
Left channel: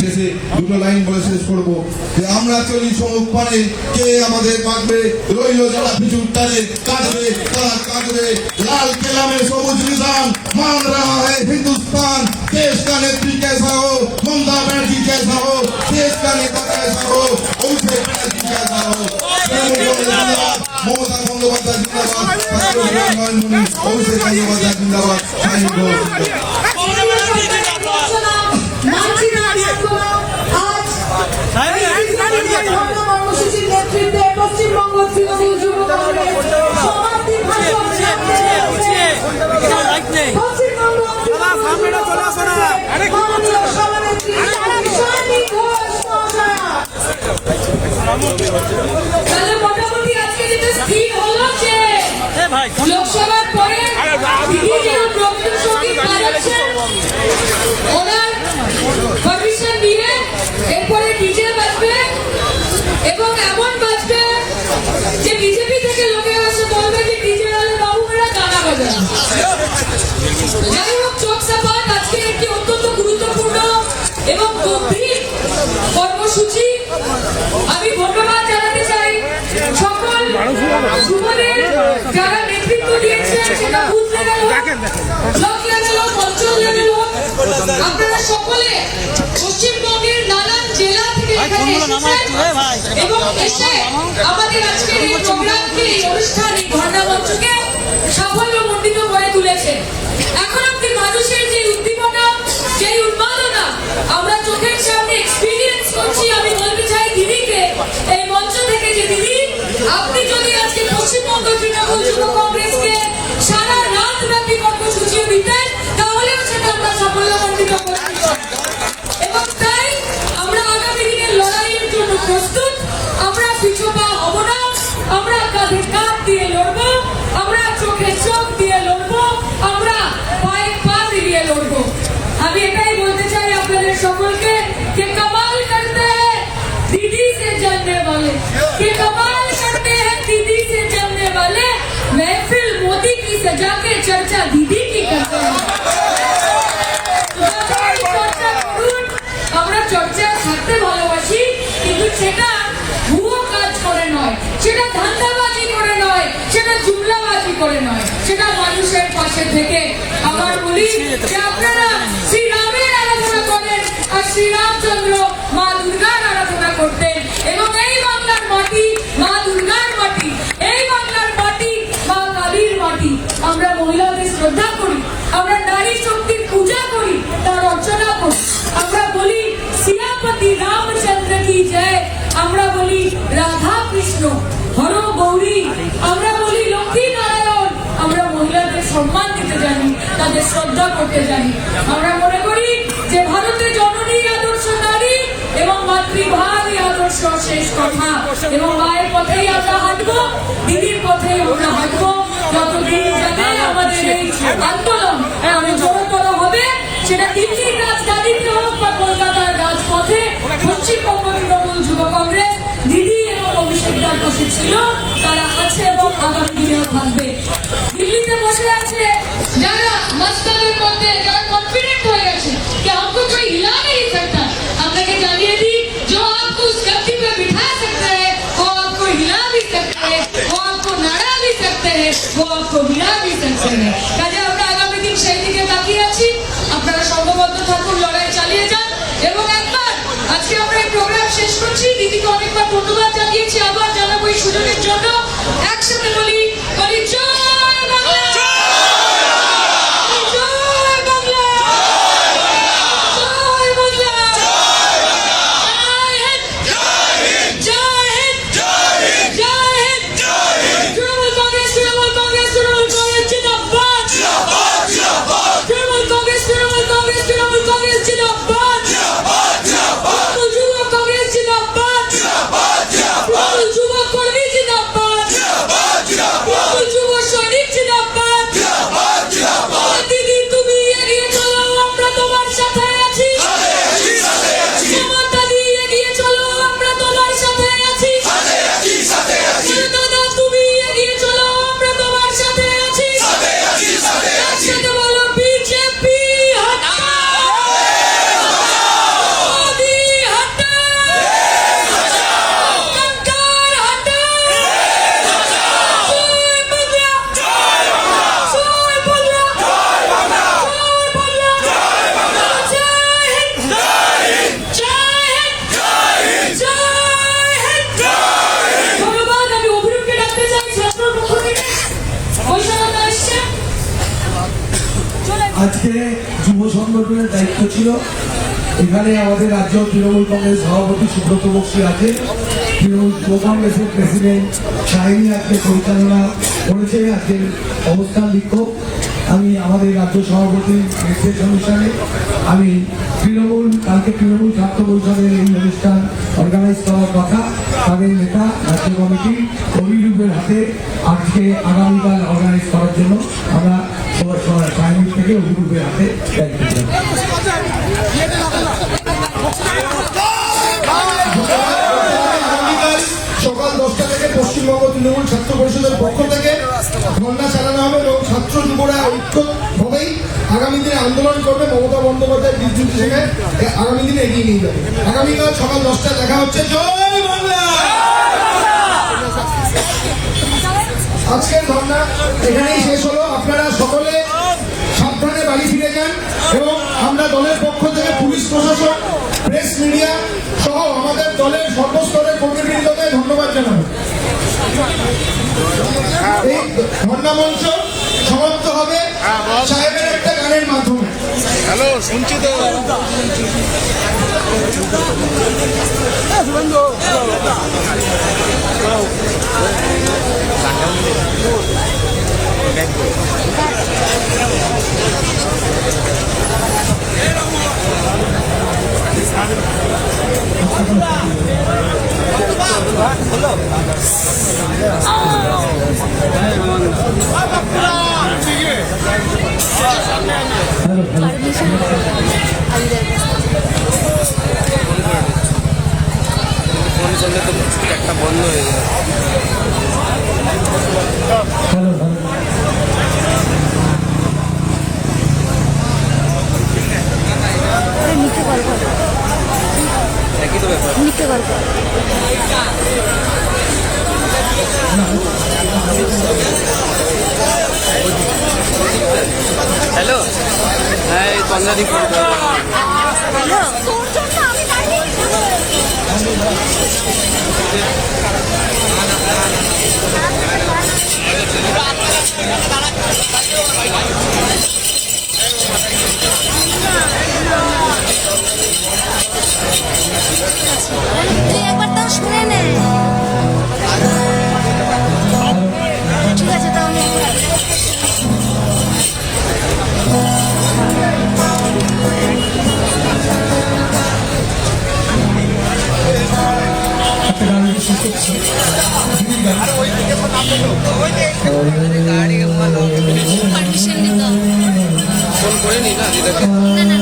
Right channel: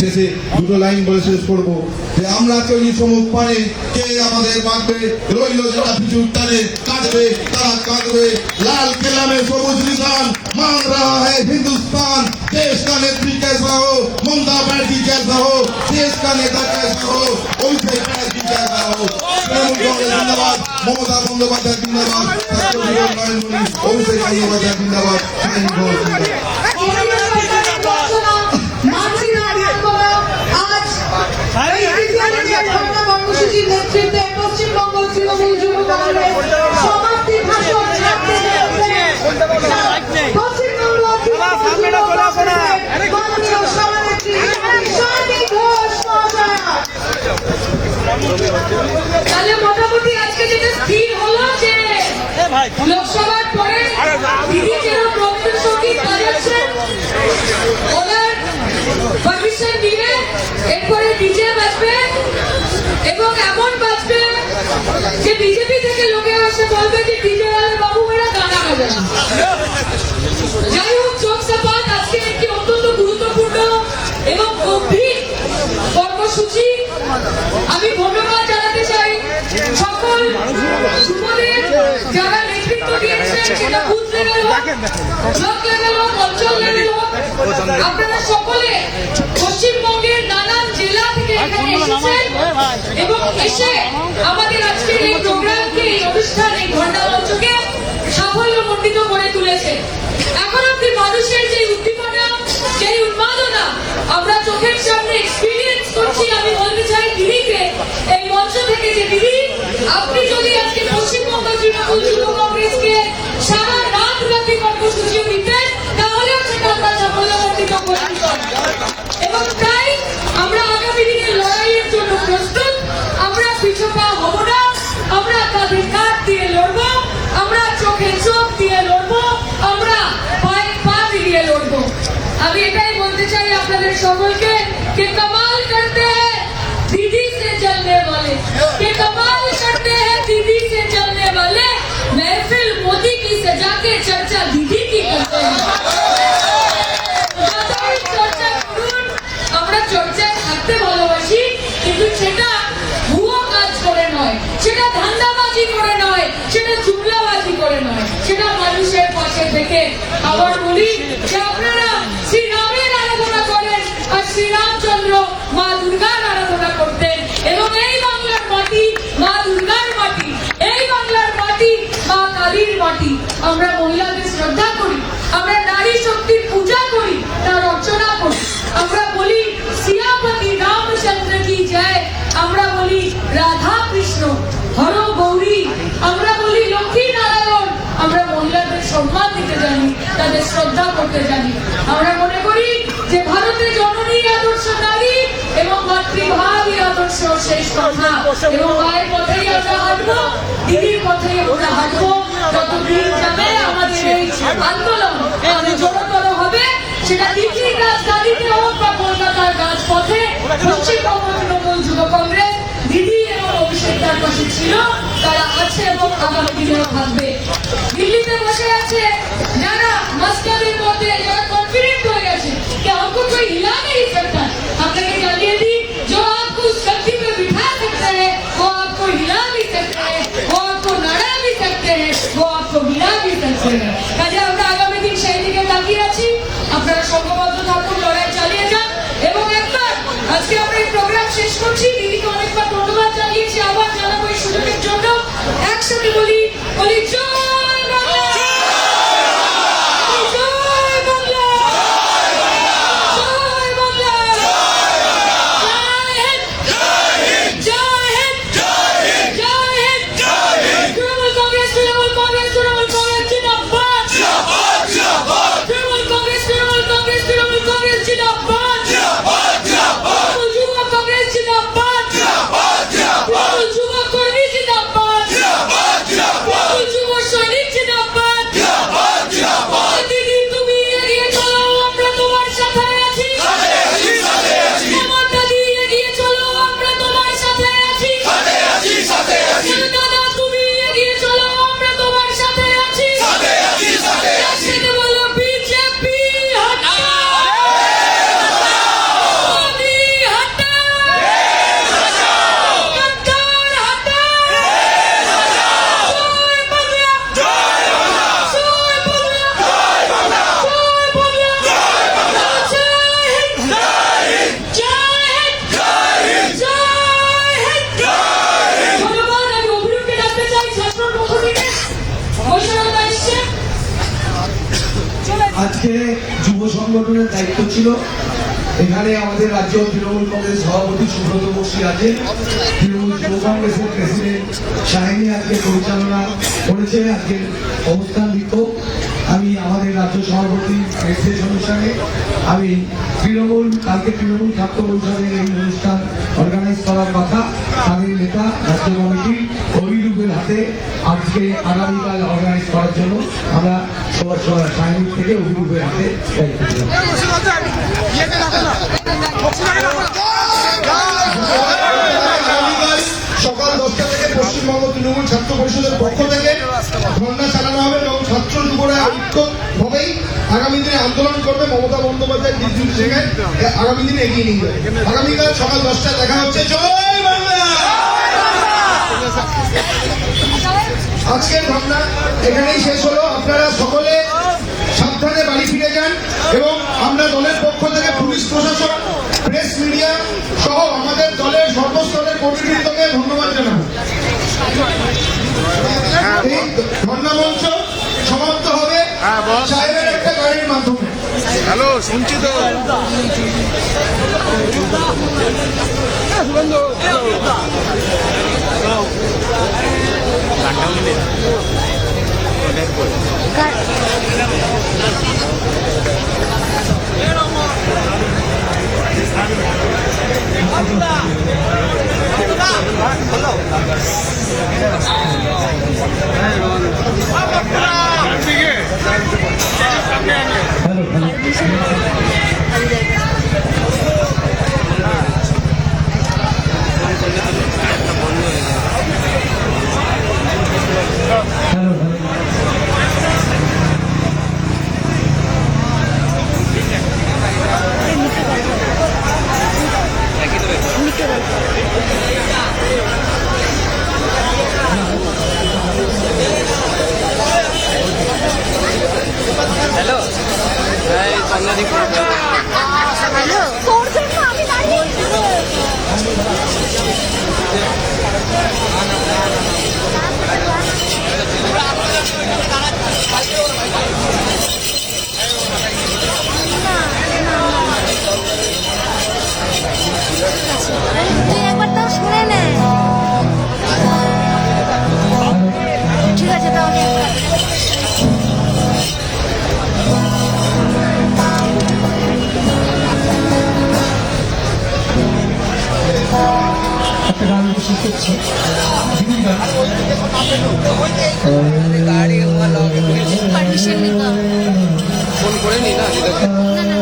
শেষে দুটো লাইন বলে শেষ করবো যে আমরা চলি সম্মুখ পানে, কে আমাদের বাঁধবে, রইল যারা পিছু টানে, কাঁদবে তারা কাঁদবে। লাল কেলা में সবুজ নিশান मान रहा है हिंदुस्तान, देश का नेत्री कैसा हो, ममता बनर्जी कैसा हो, देश का नेता कैसा हो, अभिषेक बनर्जी कैसा हो। जिंदाबाद, ममता बंदोपाध्याय जिंदाबाद, अभिषेक बंदोपाध्याय जिंदाबाद। কর্মসূচির নেতৃত্বে পশ্চিমবঙ্গ তৃণমূল যুব কংগ্রেস সমাপ্তি ভাষণ তাহলে মোটামুটি আজকে যেটা স্থির হলো যে লোকসভার পরে দিদি যেরকম রবীন্দ্রসঙ্গীত বাজাচ্ছেন, ওনার পারমিশন দিয়ে এরপরে ডিজে বাজবে এবং এমন বাজবে যে বিজেপি থেকে লোকেরা এসে বলবে যে ডিজে বাবু মেরা গানা বাজা। যাই হোক, চোখ সাপাত আজকে একটি অত্যন্ত গুরুত্বপূর্ণ এবং গভীর কর্মসূচি। আমি ধন্যবাদ জানাতে চাই সকল যুবদের যারা নেতৃত্ব দিয়েছেন, সেটা বুথ লেভেল হোক, ব্লক লেভেল হোক, অঞ্চল লেভেল হোক। আপনারা সকলে পশ্চিমবঙ্গের নানান জেলা থেকে এখানে এসেছেন এবং এসে আমাদের আজকের এই প্রোগ্রামকে, এই অনুষ্ঠান, এই ধর্ণা মঞ্চকে সাফল্যমণ্ডিত করে তুলেছে। এখন অব্দি মানুষের যে উদ্দীপনা, যে উন্মাদনা আমরা চোখের সামনে এক্সপিরিয়েন্স করছি, আমি বলতে চাই দিদিকে এই মঞ্চ থেকে যে দিদি, আপনি যদি আজকে পশ্চিমবঙ্গ তৃণমূল যুব কংগ্রেসকে সারা রাত ব্যাপী কর্মসূচিও দিতেন, তাহলেও সেটা আমরা সাফল্যমণ্ডিত করতে। এবং তাই আমরা আগামী দিনের লড়াইয়ের জন্য প্রস্তুত। আমরা পিছপা হব না, আমরা কাঁধে কাঁধ দিয়ে লড়বো, আমরা চোখে চোখ দিয়ে লড়বো, আমরা পায়ে পা মিলিয়ে লড়বো। আমি এটাই বলতে চাই আপনাদের সকলকে, কে কমাল করতে হ্যাঁ দিদি সে জলনে वाले, কে कमाल करते हैं दीदी से जलने वाले, महफिल मोदी की सजा के चर्चा दीदी की करते हैं। चर्चा করুন, আমরা চর্চা থেকে আবার বলি যে আপনারা শ্রীরামের আরাধনা করেন আর শ্রীরামচন্দ্র মা দুর্গার আরাধনা করতেন এবং এই বাংলার মাটি মা দুর্গার মাটি, এই বাংলার মাটি মা কালীর মাটি। আমরা মহিলাদের শ্রদ্ধা করি, আমরা নারী শক্তির পূজা করি, তার অর্চনা করি। আমরা বলি সিয়াপতি রামচন্দ্র কি জয়, আমরা বলি রাধা কৃষ্ণ হর গৌরী, আমরা বলি লক্ষ্মী নারায়ণ। আমরা মহিলাদের সম্মান দিতে জানি, তাদের শ্রদ্ধা করতে জানি। আমরা মনে করি যে ভারতের জননী আদর্শ নারী এবং মাতৃভাবই আদর্শ শেষ কথা, এবং মায়ের পথেই আমরা হাঁটবো, দিদির পথেই আমরা হাঁটবো। যতদিন যাবে আমাদের এই আন্দোলন আরো জোরতর হবে, সেটা দিল্লির রাজধানীতে হোক বা কলকাতার রাজপথে। পশ্চিমবঙ্গ তৃণমূল যুব কংগ্রেস দিদি এবং অভিষেক যার পাশে ছিল, তারা আছে এবং আগামী দিনেও থাকবে। দিল্লিতে বসে আছে যারা মস্তাদের মধ্যে, যারা কনফিডেন্ট হয়ে গেছে कि हमको कोई हिला नहीं सकता। আপনাকে জানিয়ে দিই, जो आपको उस गद्दी पे बिठा सकते हैं वो आपको हिला भी सकते हैं, वो आपको नाड़ा भी सकते हैं, वो आपको गिरा भी सकते हैं। কাজে আমরা আগামী দিন সেই দিকে তাকিয়ে আছি। আপনারা সংঘবদ্ধ থাকুন, লড়াই চালিয়ে যান। এবং একবার আজকে আমরা এই প্রোগ্রাম শেষ করছি, দিদিকে অনেকবার ধন্যবাদ জানিয়েছি, আবার জানাবো এই সুযোগের জন্য। একসাথে বলি জয় বাংলা, জয় বাংলা, জয় বাংলা, জয় হিন্দ, জয় হিন্দ, জয় হিন্দ। তৃণমূল কংগ্রেস, তৃণমূল কংগ্রেস, তৃণমূল কংগ্রেস জিন্দাবাদ, তৃণমূল কংগ্রেস, তৃণমূল কংগ্রেস, তৃণমূল কংগ্রেস জিন্দাবাদ, তৃণমূল যুব কংগ্রেস জিন্দাবাদ, তৃণমূল যুব কর্মী জিন্দাবাদ, তৃণমূল যুব সৈনিক জিন্দাবাদ। দিদি তুমি এগিয়ে চলো, আমরা তোমার সাথে আছি। মমতা দি এগিয়ে চলো, আমরা তোমার সাথে আছি। দাদা তুমি এগিয়ে চলো, আমরা তোমার সাথে আছি। একসাথে বলো বিজেপি হটা, মোদি হটা, গদ্দার হটা। জয় বাংলা, জয় বাংলা, জয় বাংলা, জয় বাংলা, জয় হিন্দ, জয় হিন্দ, জয় হিন্দ। ধন্যবাদ। আমি অভিরূপকে ডাকতে চাই, ছাত্র মুখ্যমন্ত্রী বৈশাখা এসছেন। আজকে যুব সংগঠনের দায়িত্ব ছিল, এখানে আমাদের রাজ্য তৃণমূল কংগ্রেস সভাপতি সুব্রত বক্সী আছেন, তৃণমূল যুব কংগ্রেসের প্রেসিডেন্ট শাহিনী আজকে পরিচালনা করেছে আজকের অবস্থান বিক্ষোভ। আমি আমাদের রাজ্য সভাপতির নির্দেশ অনুসারে আমি কালকে তৃণমূল ছাত্র পরিষদের এই অনুষ্ঠান অর্গানাইজ করার কথা, তাদের নেতা রাজ্য কমিটি অভিরূপের হাতে আজকে আগামীকাল অর্গানাইজ করার জন্য আমরা সবার শাহিনী থেকে অভিরূপের হাতে দায়িত্ব দিলাম। সকাল 10টা থেকে পশ্চিমবঙ্গ তৃণমূল ছাত্র পরিষদের পক্ষ থেকে ধর্ণা চালানো হবে এবং ছাত্র যুবরা ঐক্যভাবেই আগামী দিনে আন্দোলন করবে। মমতা বন্দ্যোপাধ্যায় নির্দেশিকায় আগামী দিনে এগিয়ে নিয়ে যাবে। আগামীকাল সকাল 10টায় দেখা হচ্ছে। জয় বাংলা। আজকের ধর্ণা এখানেই শেষ হলো। আপনারা সকলে সাবধানে বাড়ি ফিরে যান এবং আমরা দলের পক্ষ থেকে পুলিশ প্রশাসন, প্রেস মিডিয়া সহ আমাদের দলের সর্বস্তরের কর্মীবৃন্দকে ধন্যবাদ জানাবো। এই ধর্ণা মঞ্চ সমাপ্ত হবে সাহেবের একটা গানের মাধ্যমে। হ্যালো, শুনছি তো। নিতে পারবো। তুই একবার তা শুনে নে। ঠিক আছে, তো আমি একবার একটা গান আমি শেষ করছি। দিদির গান। গাড়ি সেন্ড নিতে হবে। ফোন করে নি না দিদাকে। না, না,